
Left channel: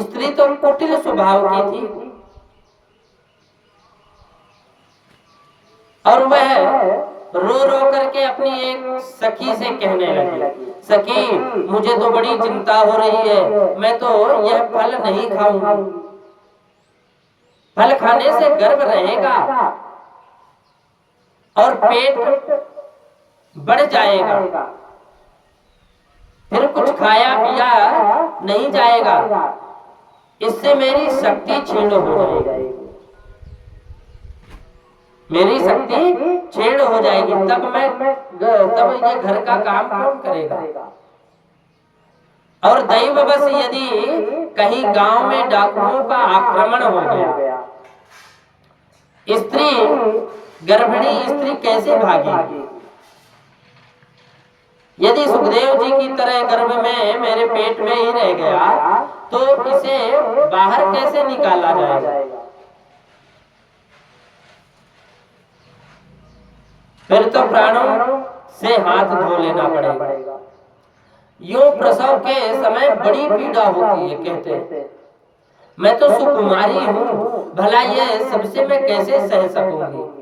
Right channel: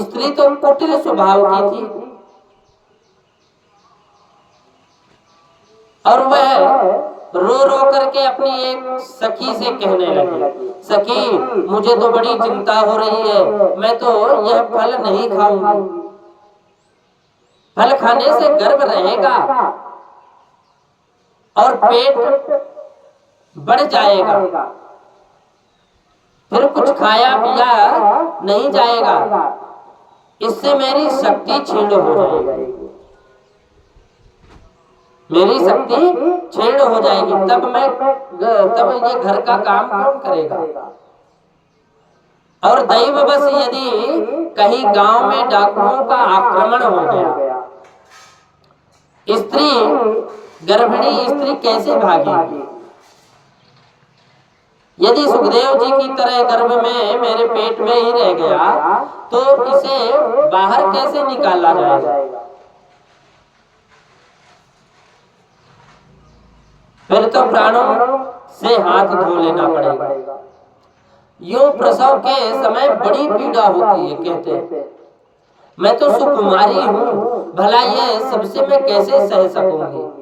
स्त्री तो कुटिल स्वभाव की थी और वह रो रो करके अपनी एक सखी से कहने लगी, सखी मुझे तो बड़ी चिंता हो रही है, मैं तो यह फल नहीं खाऊंगी। फल खाने से गर्भ रहेगा और पेट बढ़ जाएगा, फिर कुछ खाया पिया नहीं जाएगा, इससे मेरी शक्ति छीण हो जाएगी, मेरी शक्ति छीण हो जाएगी। तब ये घर का काम कौन करेगा। और दैववश यदि कहीं गांव में डाकुओं का आक्रमण हो गया, स्त्री, गर्भिणी स्त्री कैसे भागेगी। यदि सुखदेव जी की तरह गर्भ में मेरे पेट में ही रह गया तो इसे बाहर कैसे निकाला जाएगा। फिर तो प्राणों से हाथ धो लेना पड़ेगा। यूं प्रसव के समय बड़ी पीड़ा होती है, कहते हैं मैं तो सुकुमारी हूं, भला ये सबसे मैं कैसे सह सकूंगी।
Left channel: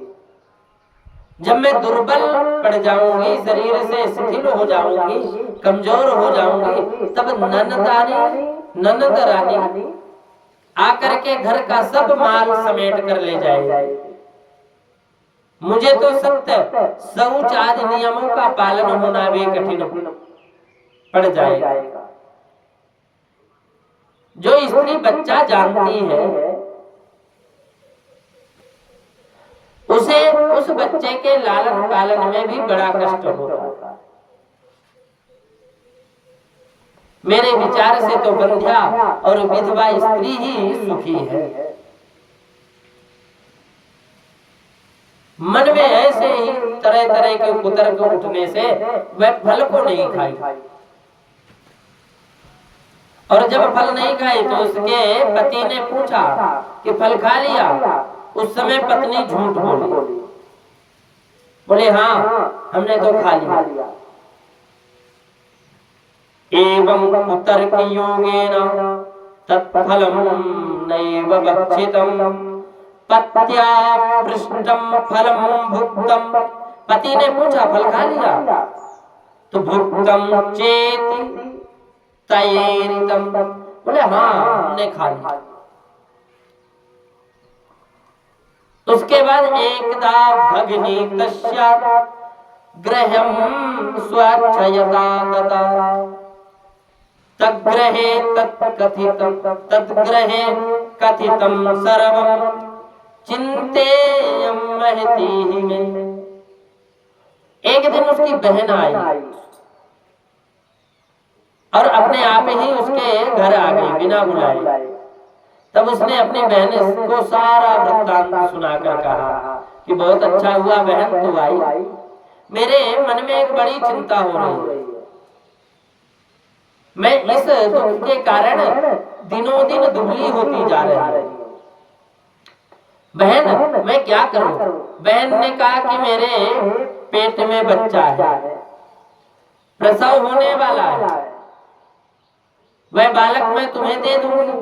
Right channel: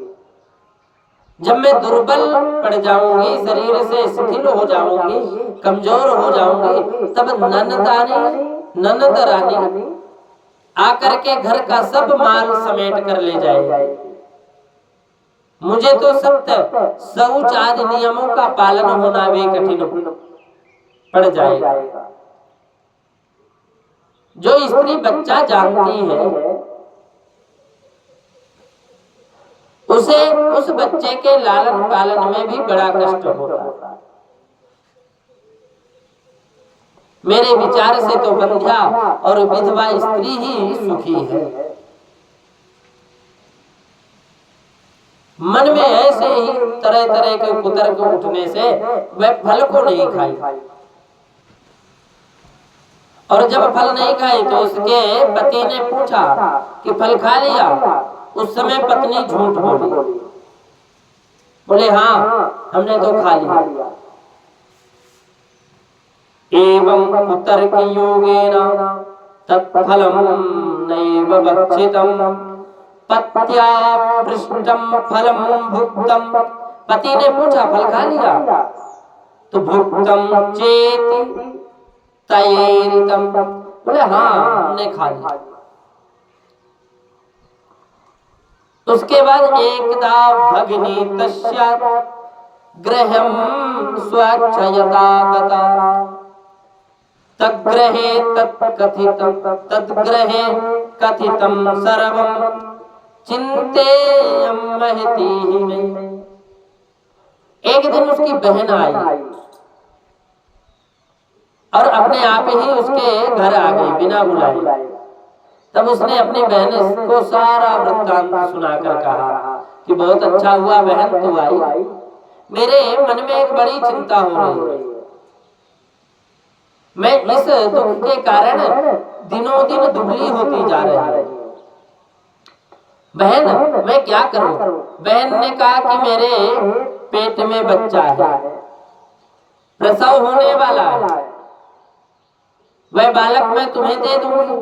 जब मैं दुर्बल पड़ जाऊंगी, शरीर से शिथिल हो जाऊंगी, कमजोर हो जाऊंगी, तब ननद रानी आकर के घर का सब माल समेट कर ले जाएगी। मुझे तो सत्य शौच आदि नियमों का पालन होना भी कठिन पड़ जाएगा। जो स्त्री बच्चा जानती है उसे उस बच्चे के लालन पालन में भी बड़ा कष्ट होता है। मेरे विचार से तो बंध्या और विधवा स्त्री ही सुखी है। मन में ऐसे ही तरह तरह के कुतर्क उठने से वह फल को नहीं खाई, और जब फल नहीं खाई तो उसके पति ने पूछा कि फल खा लिया। उस समय पत्नी झूठ बोले हाँ हमने तो खा लिया। एवं कुतर्क योगेन तत्फलम नैव भक्षितम पत्या पृष्ठम फलम भुक्तम। पति ने पूछा फल खा लिया तो भुक्तम चेति तयेरितम, बोले हाँ हमने खा लिया। उसके बाद एकदा भगिनी तस्या गृहं स्वच्छयता गता तद्गृहे कथितं सर्वं चिंतेयं महती में। एक दिन उसकी बहन आई और अपने आप ही उसके घर आ गई बिना बुलाए। तब उसने अपनी बहन को सारा वृत्तांत सुनाकर कहा कि बहुत अच्छा हुआ बहन तू आई, मेरे मन में एक बड़ी चिंता हो रही है। मैं इस दुख के कारण दिनों दिन दुबली होती जा रही है। बहन मैं क्या करूं। बहन ने कहा कि मेरे पेट में बच्चा है, प्रसव होने वाला है, वह बालक मैं तुम्हें दे दूंगी,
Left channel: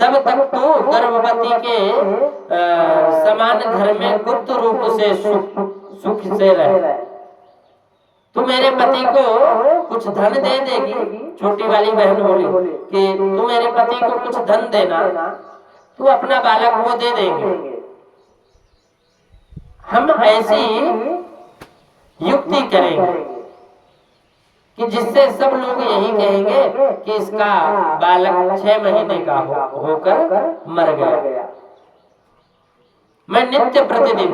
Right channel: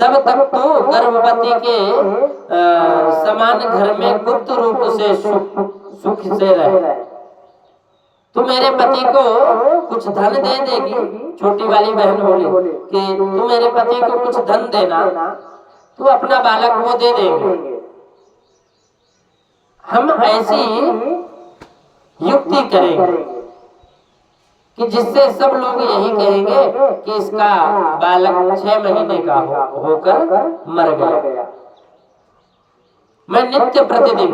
तब तक तो गर्भवती के समान घर में गुप्त रूप से सुख से रहे। तू मेरे पति को कुछ धन दे देगी। छोटी वाली बहन बोली कि तू मेरे पति को कुछ धन देना, तू अपना बालक वो दे देंगे। हम ऐसी युक्ति करेंगे कि जिससे सब लोग यही कहेंगे कि इसका बालक 6 महीने का होकर मर गया। मैं नित्य प्रतिदिन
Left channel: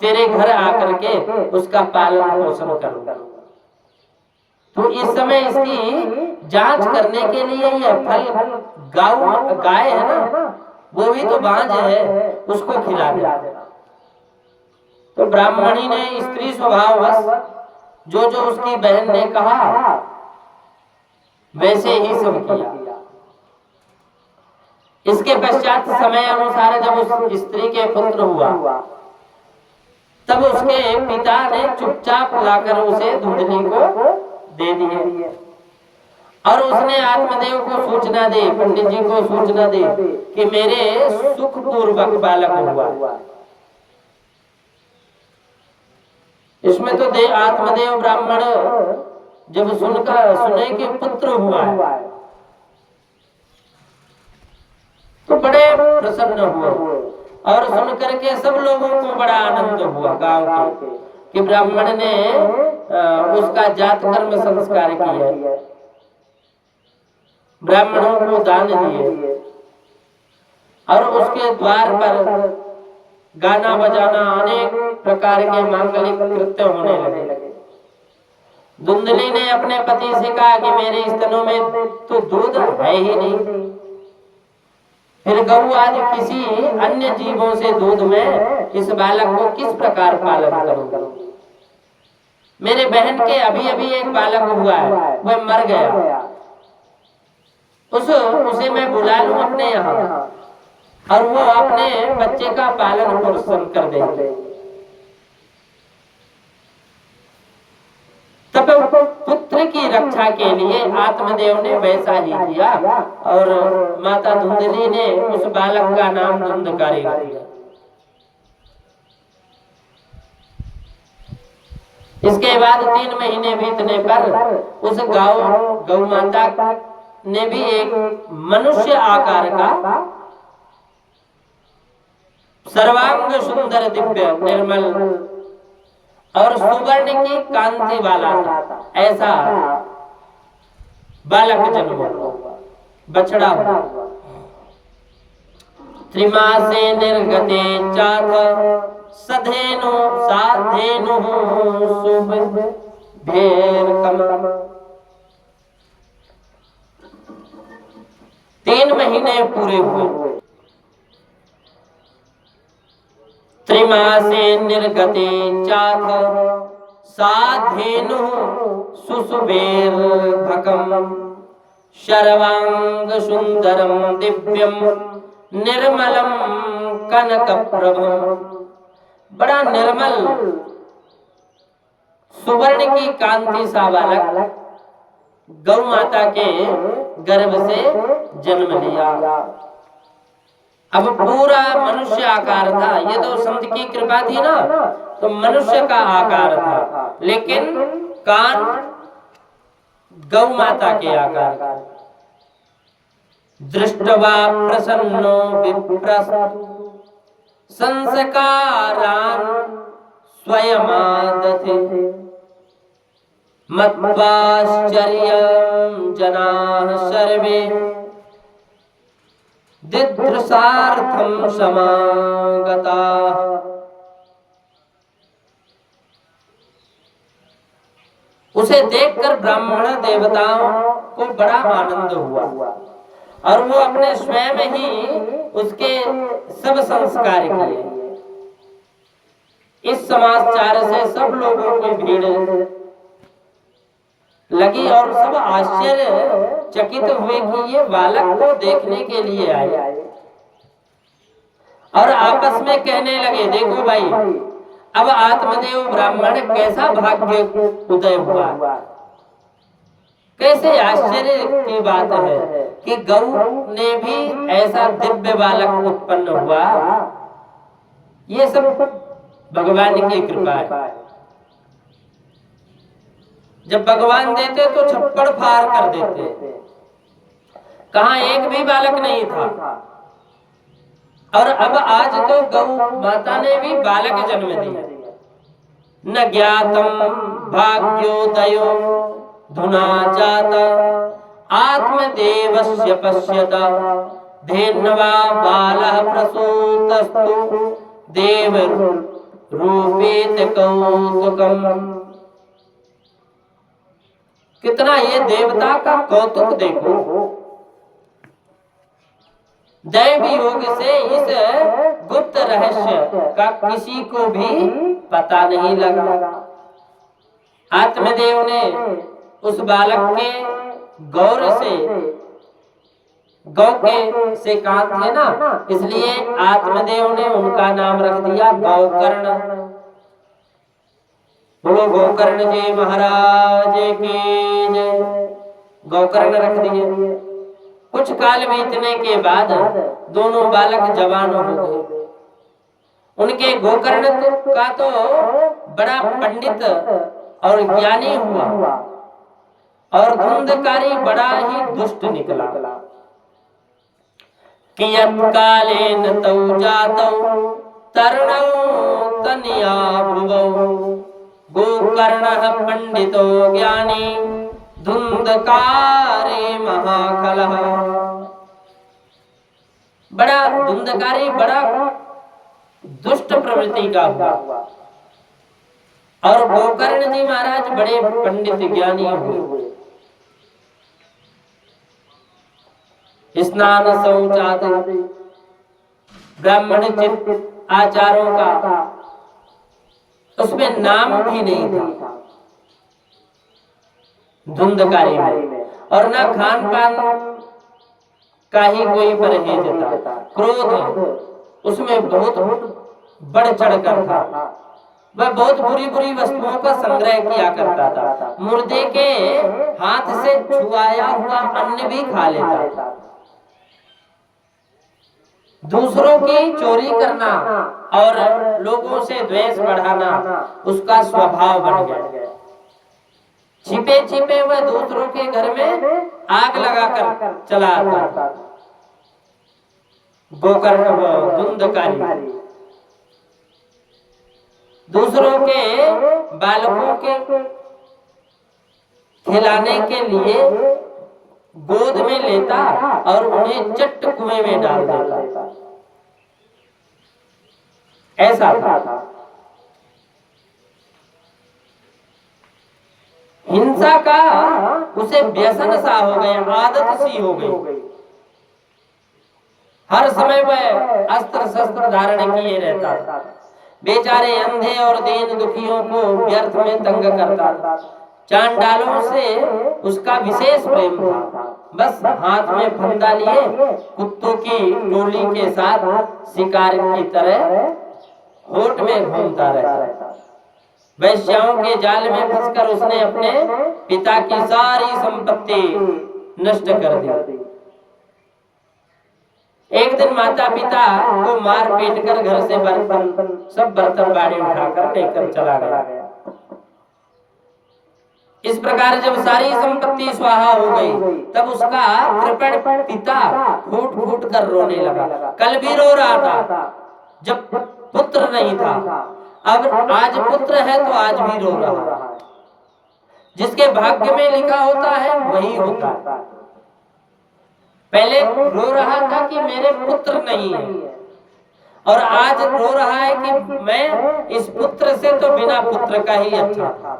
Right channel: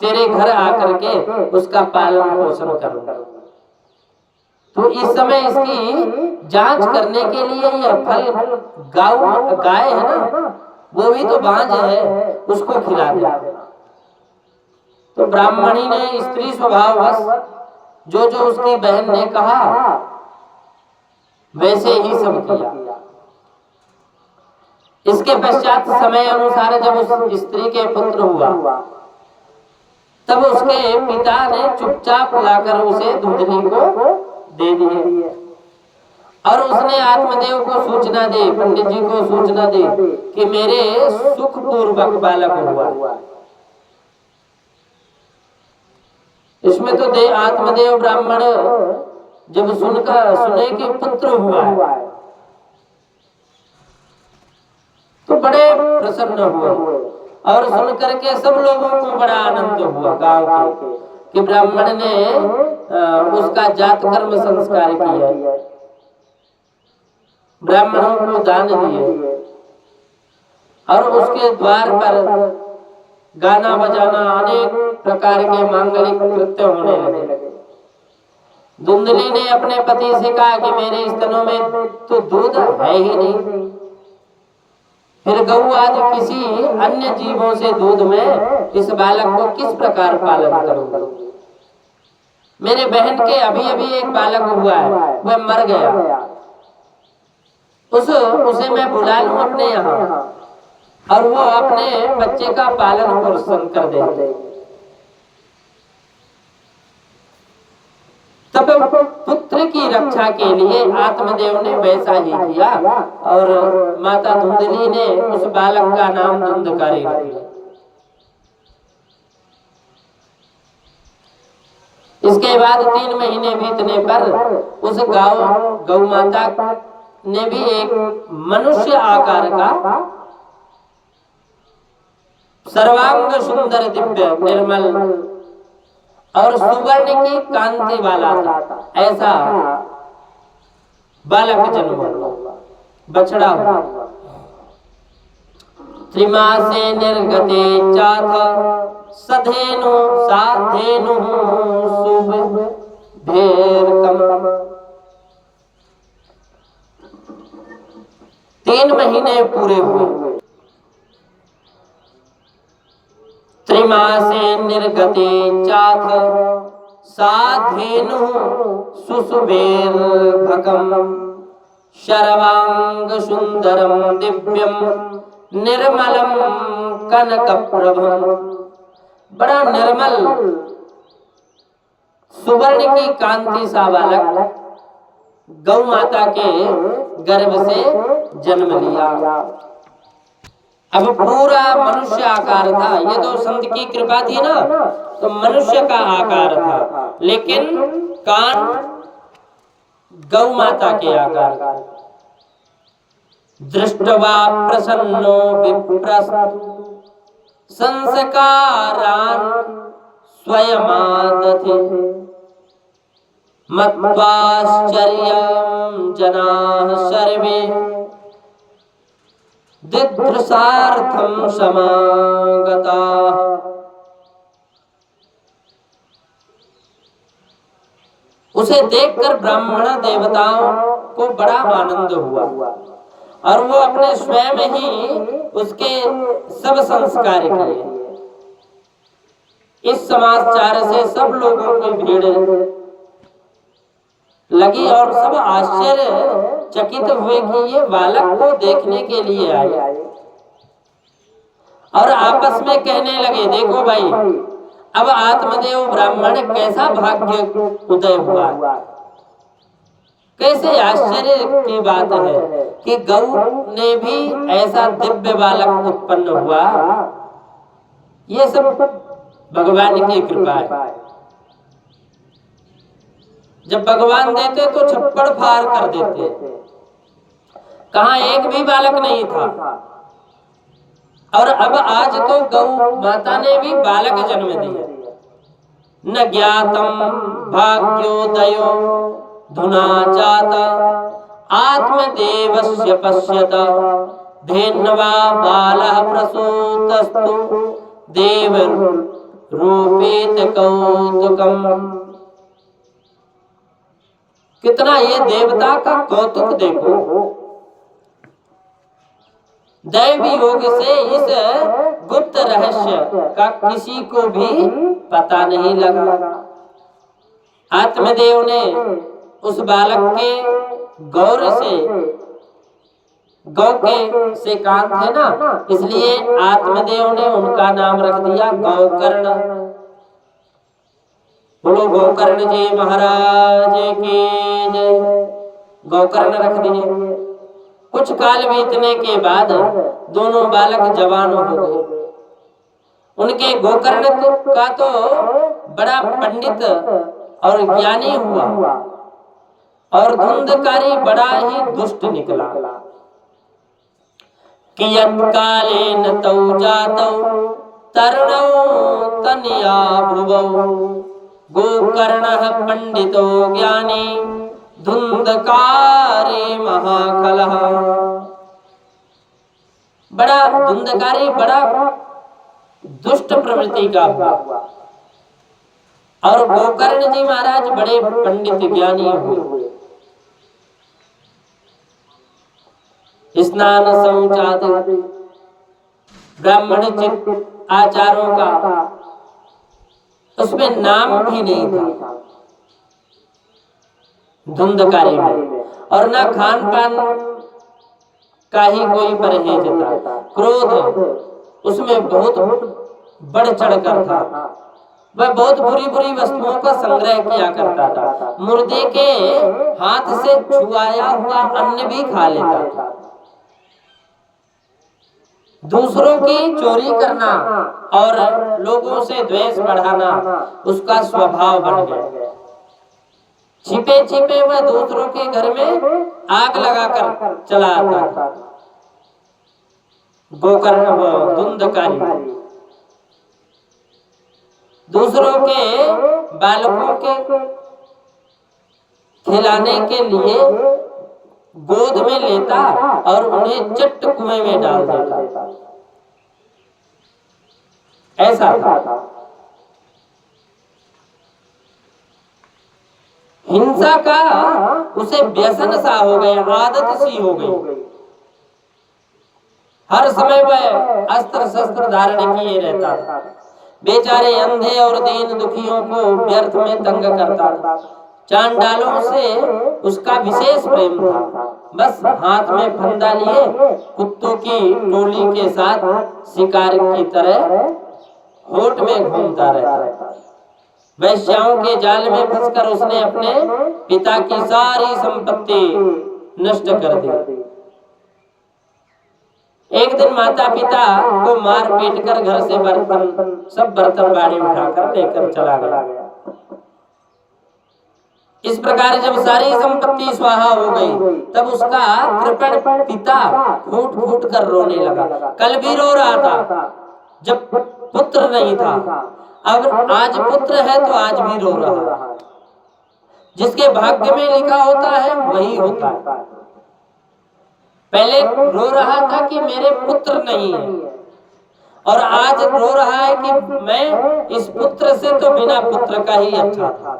तेरे घर आकर के उसका पालन पोषण करूंगा। तो इस समय इसकी जांच करने के लिए यह फल गाय है ना, वो भी तो बांझ है, उसको खिला दे। तो ब्राह्मणी ने स्त्री स्वभाववश जो जो उसकी बहन ने कहा वैसे ही सब किया। इसके पश्चात समय अनुसार जब उस स्त्री के पुत्र हुआ, तब उसके पिता ने चुपचाप लाकर उसे धुंधली को दे दिए और उसने आत्मदेव को सूचना दी, पंडित जी को सूचना दी कि मेरे सुख पूर्वक बालक हुआ। इसमें तो आत्मदेव ब्राह्मण जब सुने कि पुत्र हुआ है तो बड़े प्रसन्न हुए और सुन करके सब लोगों को बड़ा आनंद हुआ गांव के कि ब्राह्मण ने उसका जात कर्म संस्कार किया, ब्राह्मणों को दान दिए और उसके द्वार पर गाना बजाना अनेक प्रकार के मांगलिक कृत्य होने लगे। धुंधली ने अपने पति से कहा कि मेरे स्तनों में तो दूध है ही नहीं, फिर गऊ आदि किसी अन्य जीवों से दूध में इस बालक को किस प्रकार पालन करूं। मेरे बहन के अभी अभी एक बालक हुआ है, वह मर गया, उसे मैं बुला लूं अपने यहाँ और वो अपने बच्चे का पालन पोषण कर देंगे। तब पुत्र की रक्षा के लिए आत्मदेव ने वैसा ही किया और माता धुंधली ने उस बालक का नाम धुंधकारी रख दिया। इसके बाद 3 महीने बीतने पर उस गौ माता ने भी एक मनुष्य आकार का सर्वांग सुंदर दिव्य निर्मल और सुवर्ण की कांति वाला था, ऐसा बालक जन्म हुआ, बछड़ा हुआ। त्रिमासे निर्गते चाथ सधेनु साधेनु शुभेरकम। 3 महीने पूरे हुए। त्रिमासे निर्गते चाथ साधेनु सुशुभेर्भकम शर्वांग सुंदरम दिव्यम निर्मलम कनकप्रभम। बड़ा निर्मल सुवर्ण की कांति सा बालक गौ माता के गर्भ से जन्म लिया। अब पूरा मनुष्य आकार था, ये तो संत की कृपा थी ना, तो मनुष्य का आकार था, लेकिन कान गौ माता के आकार का। दृष्टवा प्रसन्नो विप्रस संस्कारान स्वयमादते मत्वाश्चर्यं जनाः सर्वे दिदृशार्थं समागताः। उसे देखकर ब्राह्मण देवताओं को बड़ा आनंद हुआ और वो अपने स्वयं ही उसके सब संस्कार किए। इस समाचार से सब लोगों की भीड़ लगी और सब आश्चर्य चकित हुए कि ये बालक को देखने के लिए आए और आपस में कहने लगे, देखो भाई, अब आत्मदेव ब्राह्मण कैसा भाग्य उदय हुआ। कैसे आश्चर्य की बात है कि गौ ने भी ऐसा दिव्य बालक उत्पन्न हुआ। ये सब भगवान की कृपा है। जब भगवान देते तो छप्पड़ फाड़ कर देते, कहाँ एक भी बालक नहीं था। और अब आज तो गौ माता ने भी बालक जन्म दिया। न ज्ञातम भाग्योदयो धुना जाता आत्मदेवस्य पश्यत धेन्वा बालः प्रसूतस्तु देव रूपेत कौतुकम। कितना ये देवता का कौतुक देखो। दैव योग से इस गुप्त रहस्य का किसी को भी पता नहीं लगा। आत्मदेव ने उस बालक के गौर से, गौ के से कान थे ना, इसलिए आत्मदेव ने उनका नाम रख दिया गौकर्ण। बोलो गौकर्ण जी महाराज की जय। गौकर्ण रख दिए। कुछ काल बीतने के बाद दोनों बालक जवान हो गए। उनके गोकर्ण का तो बड़ा पंडित और ज्ञानी हुआ और धुंधकारी बड़ा ही दुष्ट निकला। कियत् कालेन तौ जातौ तरुणौ तनया भुवौ गोकर्णः पंडितो ज्ञानी धुंधकारे महाकलः। बड़ा धुंधकारी, बड़ा दुष्ट प्रवृत्ति का हुआ। और गोकर्ण जी महाराज बड़े पंडित ज्ञानी हुए। स्नान शौचादि ब्राह्मण चित्त आचारों का उसमें नाम भी नहीं था धुंधकारी में। और ना खान पान का ही कोई परहेज था। क्रोध उसमें बहुत बढ़ चढ़ कर था। वह बहुत बुरी बुरी वस्तुओं का संग्रह किया करता था। मुर्दे के हाथ से छुआया हुआ अन्न भी खा लेता था। दूसरों की चोरी करना और लोगों से द्वेष बढ़ाना उसका स्वभाव बन गया। छिपे छिपे वह दूसरों के घर में आग लगाकर चला आता था। गोकर्ण धुंधकारी दूसरों के बालकों के खिलाने के लिए गोद में लेता और उन्हें चट्ट कुएं में डाल देता। ऐसा था। हिंसा का उसे व्यसन सा हो गया, आदत सी हो गई। हर समय वह अस्त्र शस्त्र धारण किए रहता था। बेचारे अंधे और दीन दुखियों को व्यर्थ में तंग करता था। चांडालों से उसका विशेष प्रेम था। बस हाथ में फंदा लिए कुत्तों की टोली के साथ शिकार की तरह होठ में घूमता रहता। वैश्याओं के जाल में फंसकर उसने अपने पिता की सारी संपत्ति नष्ट कर दी। एक दिन माता पिता को मार पीट कर घर से सब बर्तन बाड़ी उठाकर लेकर चला गया। इस प्रकार जब सारी संपत्ति स्वाहा हो गई तब उसका कृपण पिता फूट फूट कर रोने लगा। कल भी रो रहा था जब पुत्र नहीं था, अब आज पुत्र है तो आज भी रो रहा है। जिसके भाग्य में लिखा होता है वही होता है। पहले रो रहा था कि मेरे पुत्र नहीं है और आज रो रहा है कि मैं इस पुत्र से तो बिना पुत्र का ही अच्छा था।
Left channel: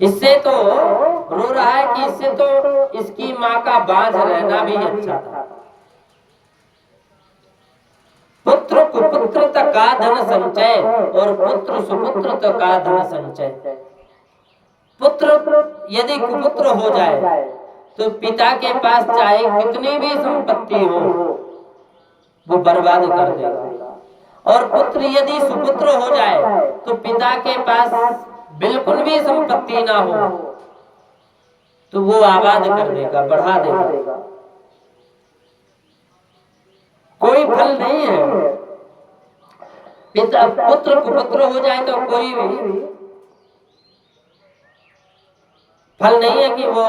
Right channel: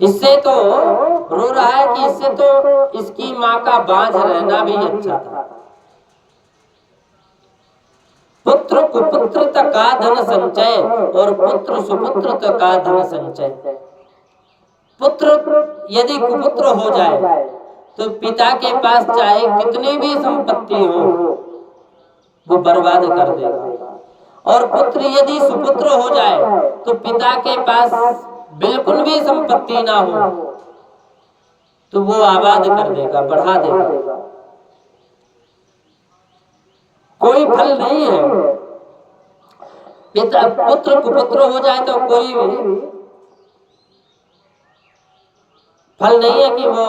इससे तो रो रहा है कि इससे तो इसकी माँ का बांझ रहना भी अच्छा था। पुत्र कुपुत्र का धन संचय और पुत्र सुपुत्र का धन संचय। पुत्र यदि कुपुत्र हो जाए तो पिता के पास चाहे कितनी भी संपत्ति हो वो बर्बाद कर देगा। और पुत्र यदि सुपुत्र हो जाए तो पिता के पास बिल्कुल भी संपत्ति ना हो तो वो आबाद कर देगा, बढ़ा देगा। कोई फल नहीं है। पिता पुत्र कुपुत्र हो जाए तो कोई फल नहीं है कि वो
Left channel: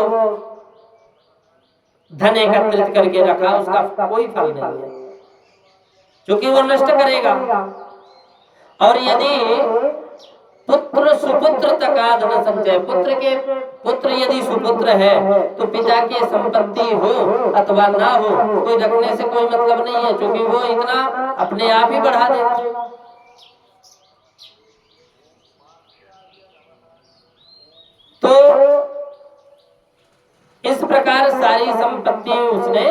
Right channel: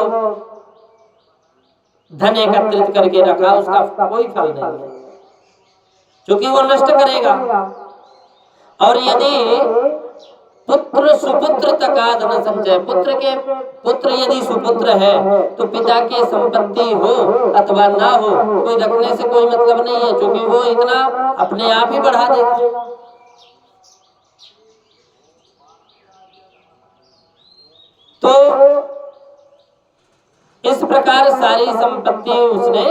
धन एकत्रित करके रखा, उसका कोई फल नहीं है, क्योंकि वो नष्ट करेगा। और यदि पुत्र सुपुत्र तकाद न संचय, पुत्र यदि सुपुत्र है तो पिता की संपत्ति हो अथवा ना हो, कोई रखने से कोई मतलब नहीं है, क्योंकि वो इतना अपने आप ही बढ़ा देगा। तो इस प्रकार सारी संपत्ति उसने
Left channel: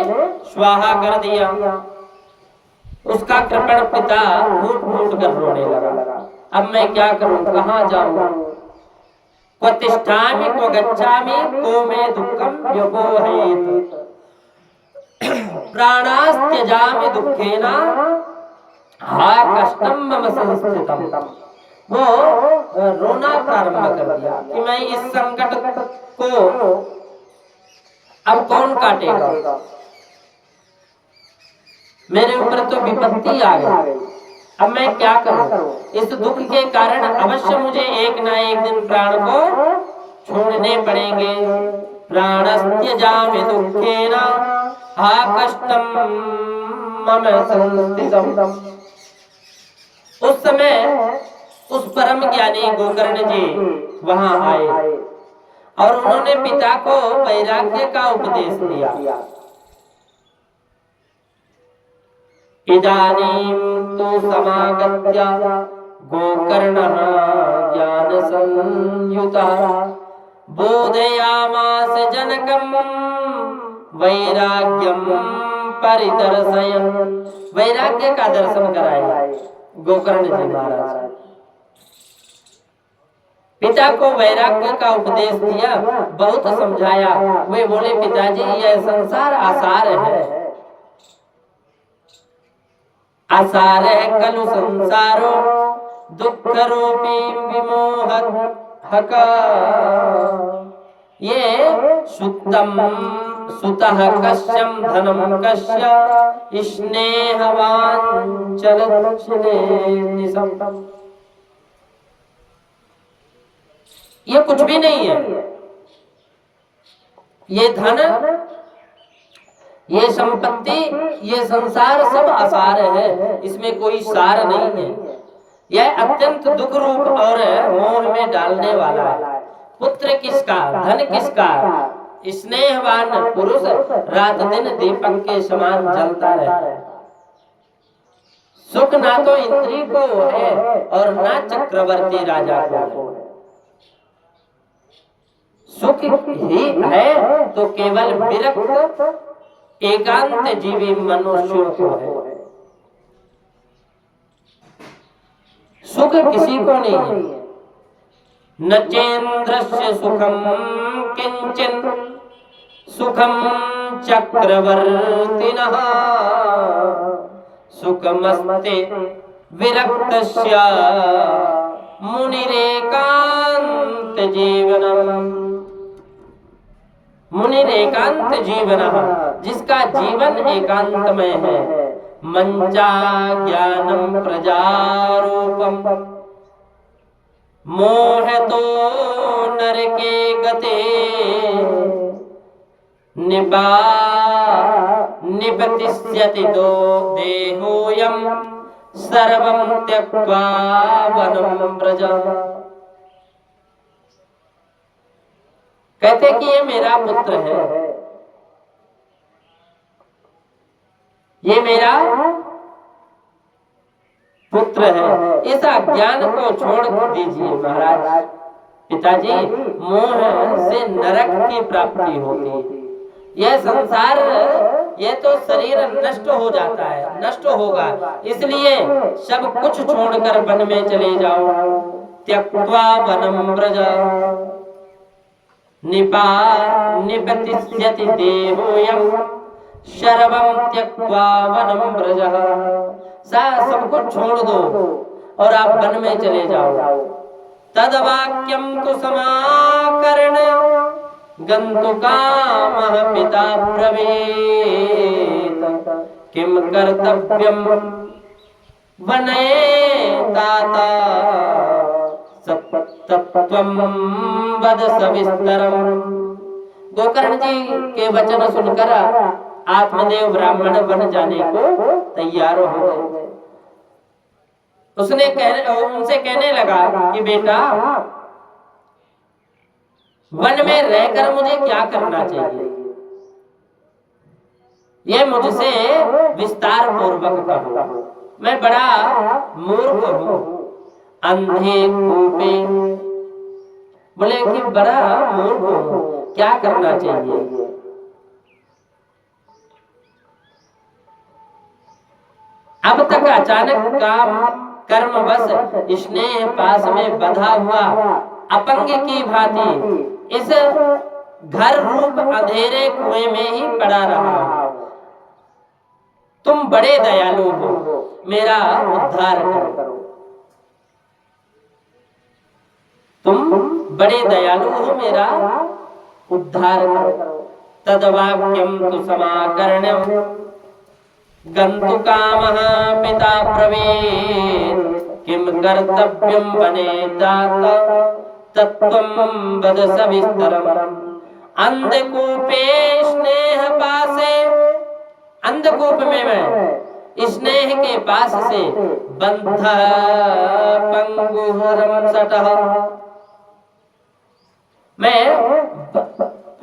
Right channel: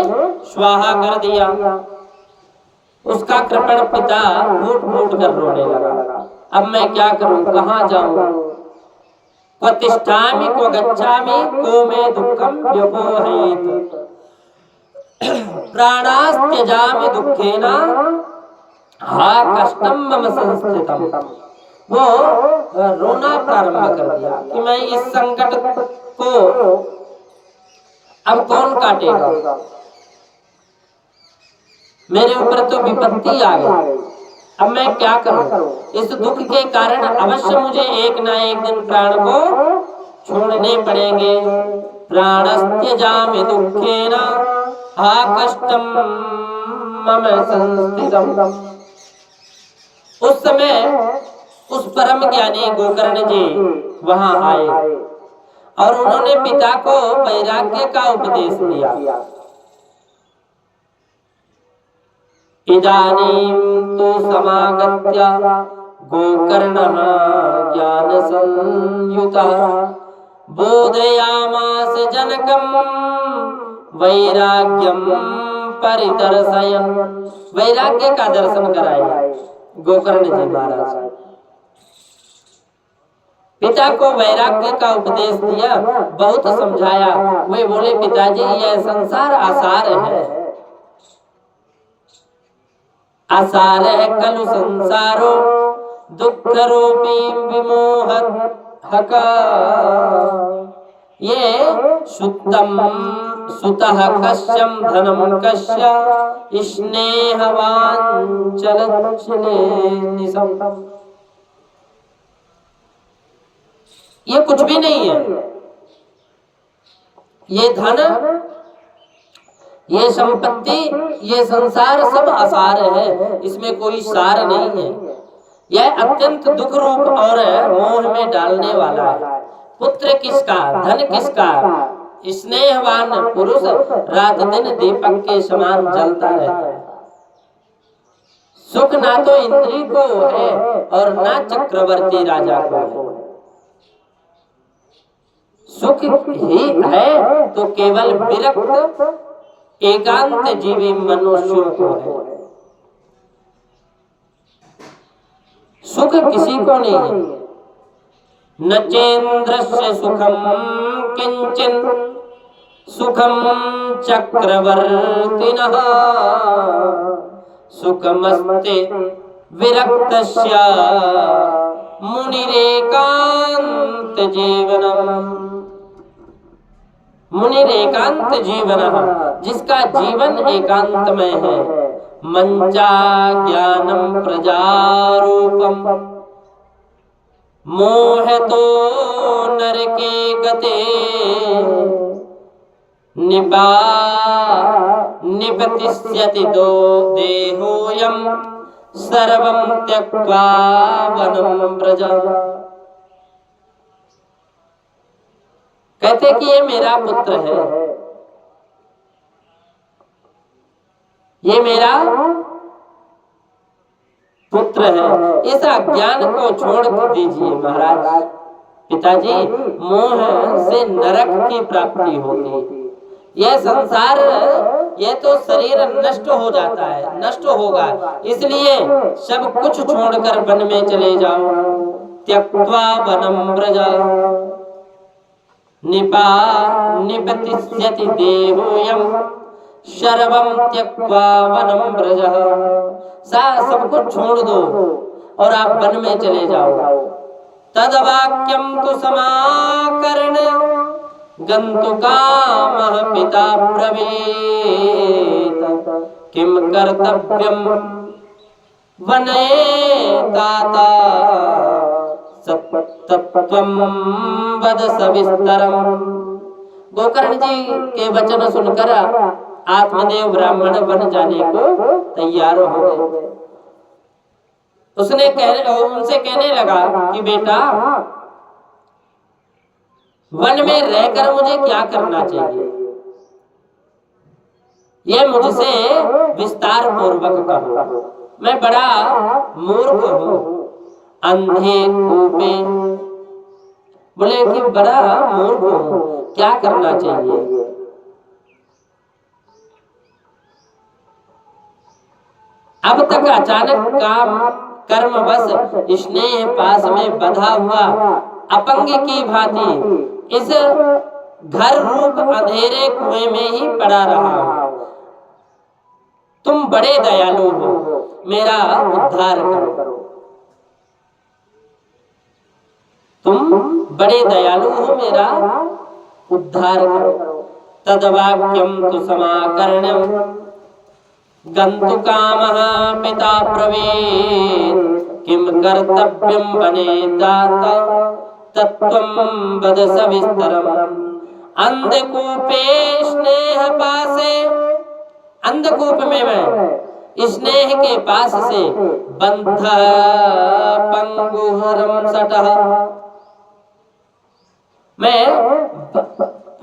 स्वाहा कर दिया। उसका कृपण पिता फूट फूट कर रोने लगा। अब मैं क्या करूं, कहां जाऊं? क्व तिष्ठामि क्व गच्छामि को मे दुःखम व्यपोहयेत् प्राणास्त्यजामि दुःखेन हा कष्टम मम संस्थितम। वो रोना प्रारंभ कर दिया कि मैं इस संकट को अब कौन काटेगा, मेरे ऊपर तो विपत्ति आ गई, अब मैं क्या करूं? इस दुख के कारण अवश्य मुझे एक ना एक दिन प्राण को छोड़ने पड़ेंगे। प्राणस्त्यजामि दुःखेन हा कष्टम मम संस्थितम। उस समय उस परम ज्ञानी गोकर्ण जी वहां आए और उन्होंने पिता को वैराग्य का उपदेश दिया। इदानीं तु समागत्य गोकर्णः ज्ञान संयुतः बोधयामास जनकं वैराग्यं परिदर्शयन्। वैराग्य का दर्शन कराया गोकर्ण जी महाराज। पिता को वैराग्य का उपदेश दिया, बहुत समझाया। वे बोले पिताजी यह संसार आसार है, आसार है खलु संसारो दुख रूपी विमोहका। ये सुतम सुतः कश्यम धनम कश्य स्नेहवांचल निसम। ये कुछ भी नहीं है, ये धन, ये संपत्ति, ये संसार सब आसार है, इसमें कोई सार नहीं है। यह अत्यंत दुख रूप और मोह में डालने वाला है। पुत्र किसका, धन किसका, स्नेहवान पुरुष रात दिन दीपक के समान जलता रहता है। सुख ना तो इंद्री को है और ना चक्रवर्ती राजा को है। सुख ही है तो केवल विरक्त एकांत जीवी मनुष्यों को है। सुख किसी को नहीं है। न चेन्द्रस्य सुखम किंचन सुखम चक्रवर्तिनः सुखमस्ते विरक्तस्य मुनिरेकांत जीवनम। मुनिरेकांत जीवनः, जिसका जीवन एकांत में है। मंचा ज्ञानम प्रजारूपम मोहतो नरके गते निपतिष्यति दो देहोयम सर्वं त्यक्त्वा वनं व्रज। कहते कि ये मेरा पुत्र है, ये मेरा पुत्र है, इस अज्ञान को छोड़ दीजिए महाराज। पिताजी, मोह से नरक की प्राप्ति होती है। यह संसार, यह तो शरीर नष्ट हो जाता है, नष्ट होगा, इसलिए सब कुछ छोड़कर वन में चले जाओ। त्यक्त्वा वनं व्रज निपतिष्यति देहोयम सर्वं त्यक्त्वा वनं व्रज। सब कुछ छोड़ दो और आप वन में चले जाओ। तद्वाक्यं तु समाकर्ण गन्तुकामः पिता ब्रवीत् किं कर्तव्यं वने तात तत्त्वं वद सविस्तरम्। गोकर्ण जी के वचन सुनकर आत्मदेव ब्राह्मण बन जाने को तैयार हो गए। उनसे कहने लगा कि बेटा, वन में रहकर मुझे क्या करना चाहिए, यह मुझसे विस्तार पूर्वक कहो। मैं बड़ा मूर्ख हूँ, अंधे कूपे। बोले कि बड़ा मूर्ख हूँ, क्या करना चाहिए। अब तक अचानक काम कर्मवश स्नेह पास में बंधा हुआ अपंग की भांति इस घर रूप अंधेरे कुएं में ही पड़ा रहा हूं। तुम बड़े दयालु हो, मेरा उद्धार करो। तुम बड़े दयालु हो, मेरा उद्धार करो। तद्वाक्यं तु समाकर्ण्यं गन्तुकामः पिता ब्रवीत् किं कर्तव्यं वने तात तत्त्वं वद सविस्तरम्। अंधकूपे स्नेह पासे, अंधकूप में मैं स्नेह के पास से बंध पंगुहरम सटः, मैं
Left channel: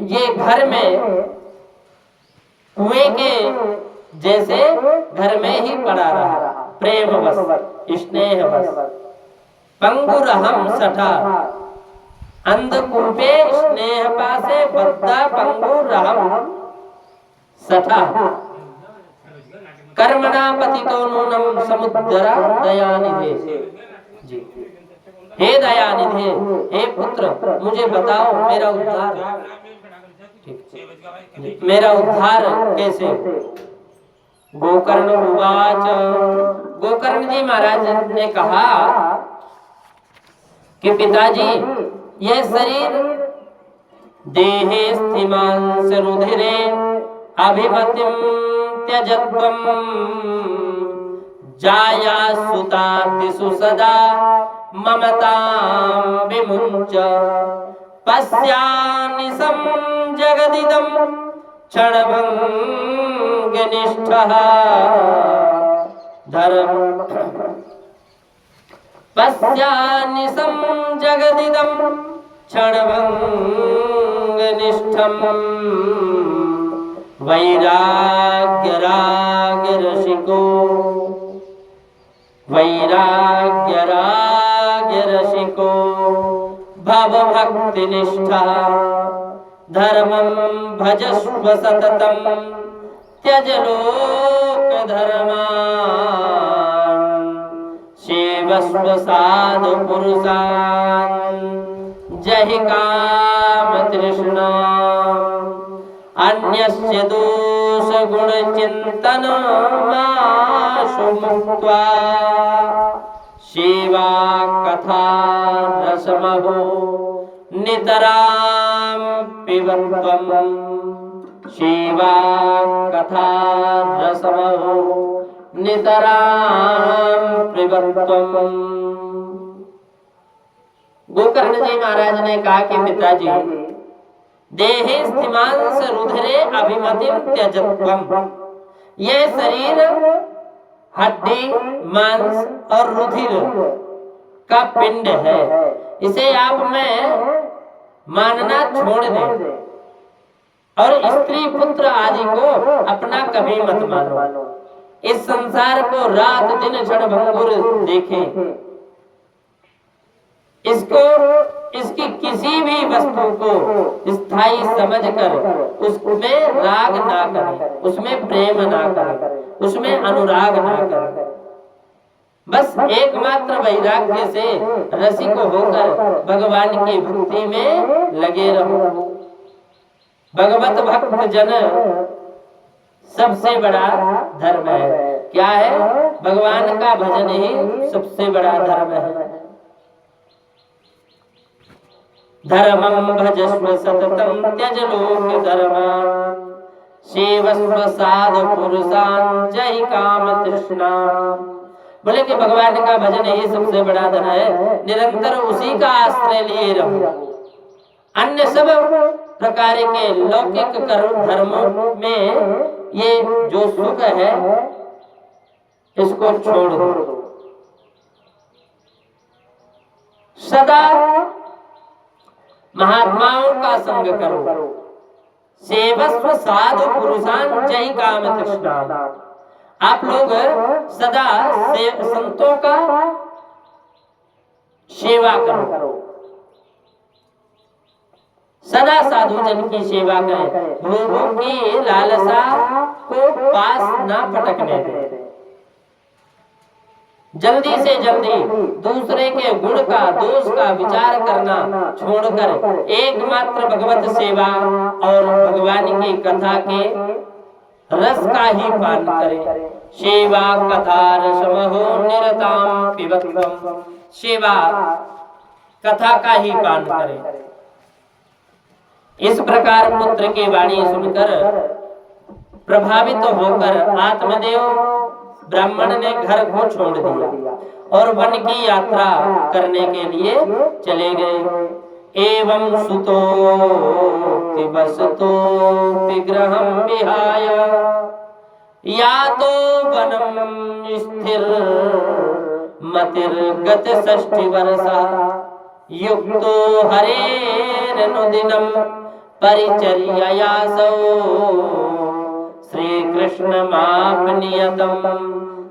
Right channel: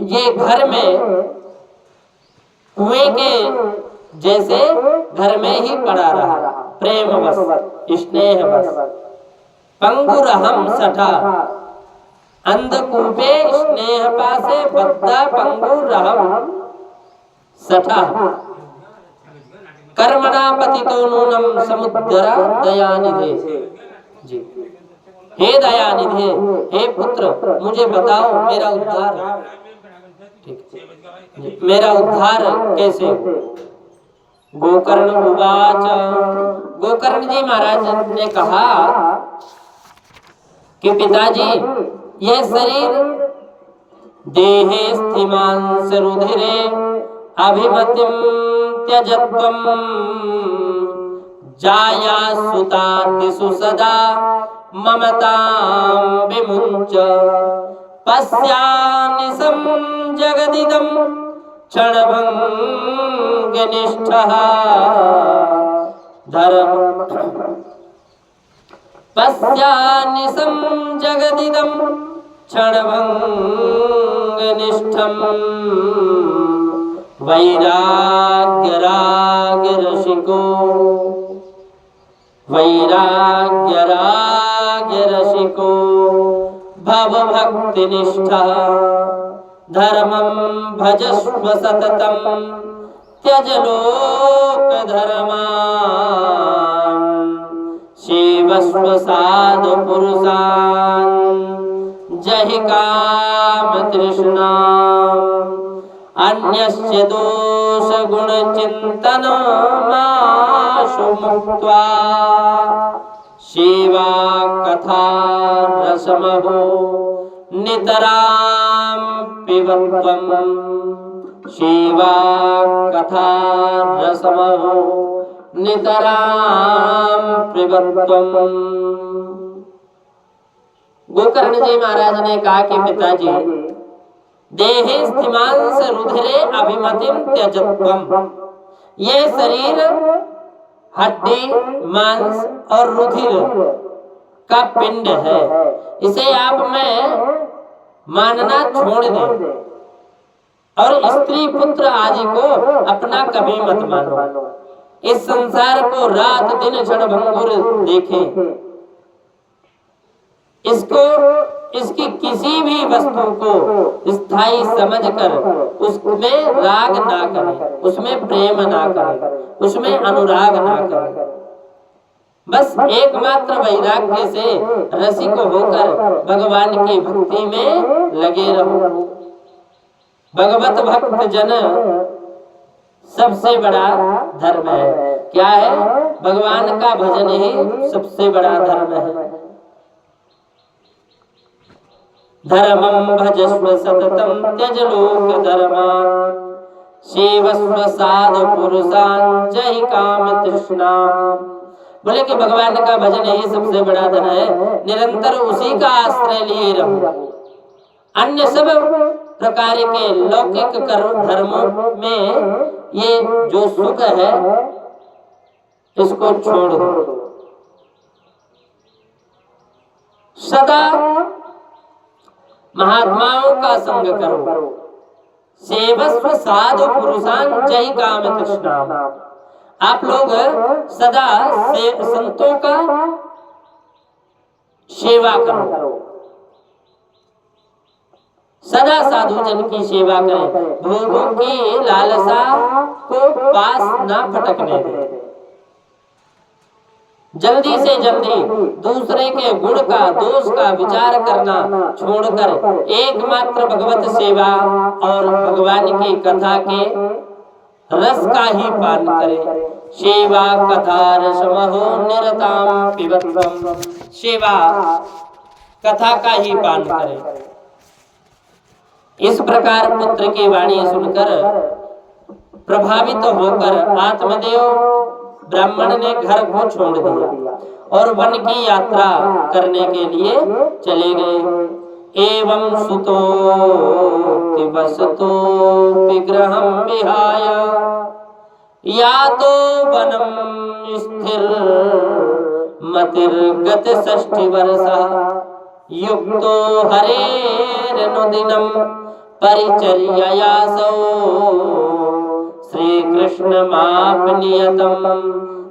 ये घर में कुएं के जैसे घर में ही पड़ा रहा, प्रेमवश स्नेहवश। पंगुरहम सठा, अंधकूपे स्नेह पासे बद्धा पंगुरहम सठा। कर्मणा पतितो नूनम समुद्र दयानिधे। जी, हे दयानिधे, हे पुत्र, मुझे बताओ मेरा उद्धार, ठीक, मेरा उद्धार कैसे। गोकर्ण उवाच, गोकर्ण जी महाराज ने कहा कि पिताजी, यह शरीर देहे स्थिमांस रुधिरे अभिमतिं त्यजत्वं जाया सुतादिषु सदा ममतां विमुञ्च पश्यानिशं जगदिदं क्षणभङ्गनिष्ठः धर्म। पश्यानिशं जगदिदं क्षणभङ्गनिष्ठं वैराग्यरागरसिको वैराग्यरागरसिको भवभक्तिनिष्ठः धर्मं भजस्व सततं त्यज लोकधर्मान् सेवस्व साधु पुरुषान् जहि कामतृष्णाम् अन्यस्य दोष गुण चिंतन माशु मुक्त्वा सेवा कथा रसमहो नितरां पिबत्वं सेवा कथा रसमहो नितरां पिबत्वं। गोकर्ण जी महाराज ने कहा कि पिताजी, देहे स्थिमांस रुधिरे अभिमतिं त्यजत्वं, यह शरीर हड्डी मांस और रुधिर का पिंड है, इसे आप में मानना छोड़ दें और स्त्री पुत्र आदि को अपना कभी मत मानो। इस संसार को रात दिन क्षणभंगुर देखें, इसको इसकी किसी भी वस्तु को स्थायी समझकर उसमें राग ना करें, उसमें प्रेम ना करें, उसमें अनुराग ना करें। बस एकमात्र वैराग्य से रसिक होकर भगवान की भक्ति में लगे रहो। भगवत भक्त जन सबसे बड़ा धर्म है। क्या है? भगवान का भजन ही सबसे बड़ा धर्म है। धर्मं भजस्व सततं त्यज लोक धर्मान् सेवस्व साधु पुरुषान् जहि काम तृष्णाम्। बोले कि भगवान का भजन ही सबसे बड़ा धन है, निरंतर उसी का आश्रय लिए रहो। अन्य सब प्रकार के लौकिक कर्म धर्मों में ये जो सुख है इसको छोड़ दो। सदा महात्माओं का संग करो। सेवस्व साधु पुरुषान जय काम तृष्णाम। आप लोग सदा संतों का सेवा करो, सदा साधु जन की सेवा करें, भोगों की लालसा को पास ना फटकने दें। जल्दी से जल्दी दूसरे के गुण का दोष का विचार करना छोड़कर एकमात्र भगवत सेवा और भगवान की कथा के रस का ही पान करें। सेवा कथा रसमहो निरताम पिबत्वम। सेवा कथा का ही पान करें। इस प्रकार पुत्र की वाणी सुनकर प्रभावित होकर आत्मदेव ब्राह्मण ने घर को छोड़ दिया और वन की यात्रा करने के लिए चले गए। एवं सुतो वसतो विग्रहं विहाय यातो वनम स्थिर मतिर्गत 60 वर्षः युक्तो हरेरनुदिनं परिचर्ययासौ श्री कृष्ण मापनियतम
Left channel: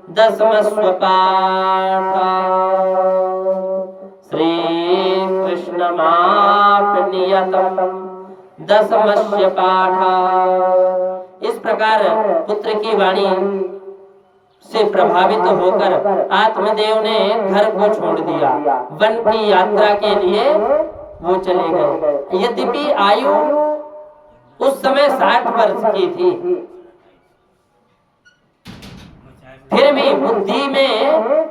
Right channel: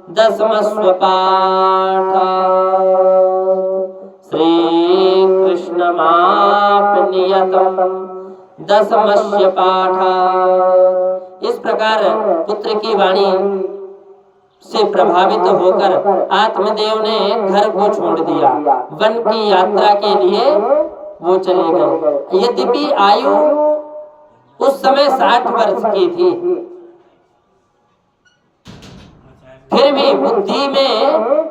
दशमस्व पाठा। श्री कृष्ण मापनियतम दशमस्य पाठा। इस प्रकार पुत्र की वाणी से प्रभावित होकर आत्मदेव ने घर को छोड़ दिया, वन की यात्रा के लिए वो चले गए। यद्यपि आयु उस समय 60 वर्ष की थी, फिर भी बुद्धि में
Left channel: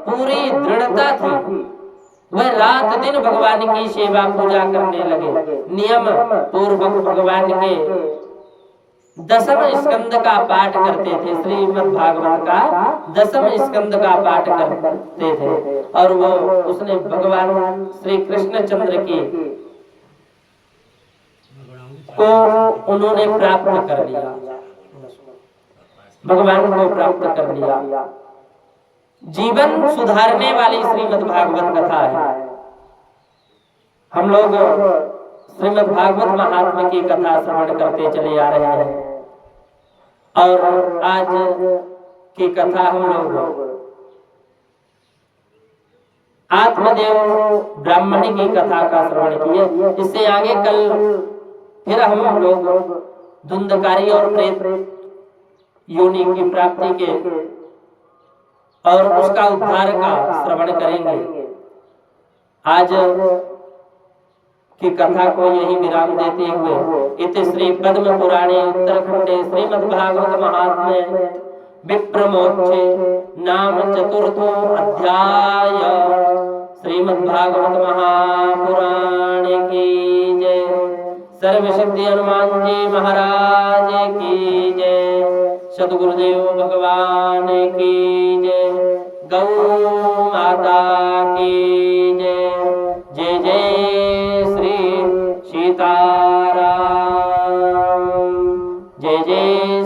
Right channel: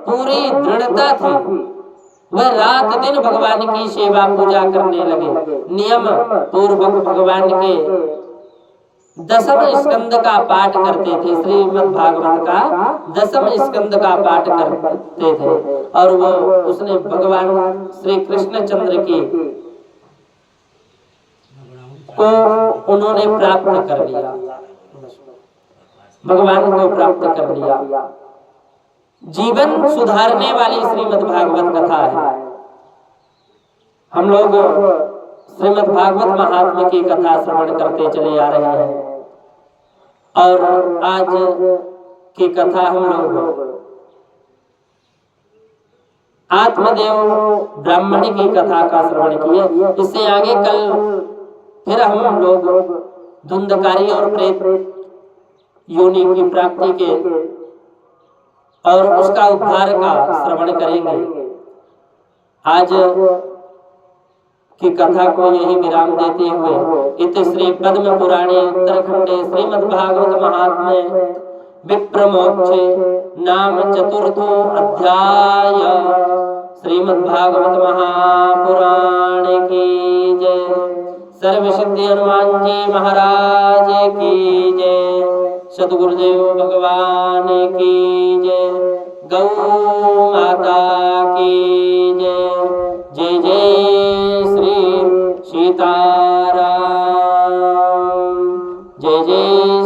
पूरी दृढ़ता थी। वह रात दिन भगवान की सेवा पूजा करने लगे। नियम पूर्वक भगवान के 10वें स्कंद का पाठ करते थे। श्रीमद् भागवत का 10वें स्कंद का पाठ करते थे और वो उसने भगवान श्री कृष्ण चंद्र की को उन्होंने प्राप्त कर लिया, भगवान को प्राप्त कर लिया। जीवन सुधारने वाली श्रीमद् भागवत कथा है। हम लोग श्रीमद् भागवत महात्म्य की कथा श्रवण करते चले आ रहे हैं और आज की कथा हम लोग आत्मदेव ब्राह्मणी की कथा का श्रवण किए। इससे आगे कल फिर हम लोग धुंधकारी और प्रेत योनि की प्राप्ति के और उसका उद्धार का श्रवण करेंगे। आज की कथा को यही विराम देते हुए इति श्री पद्म पुराणे उत्तरखंडे श्रीमद् भागवत महात्म्ये विप्रमोक्षे नाम चतुर्थो अध्याय। श्रीमद् भागवत महापुराणे की जय। सर्व सिद्धि हनुमान जी महाराज की जय। सद्गुरुदेव भगवान की जय। गौ माता की जय। जय जय श्री सीताराम। जय जय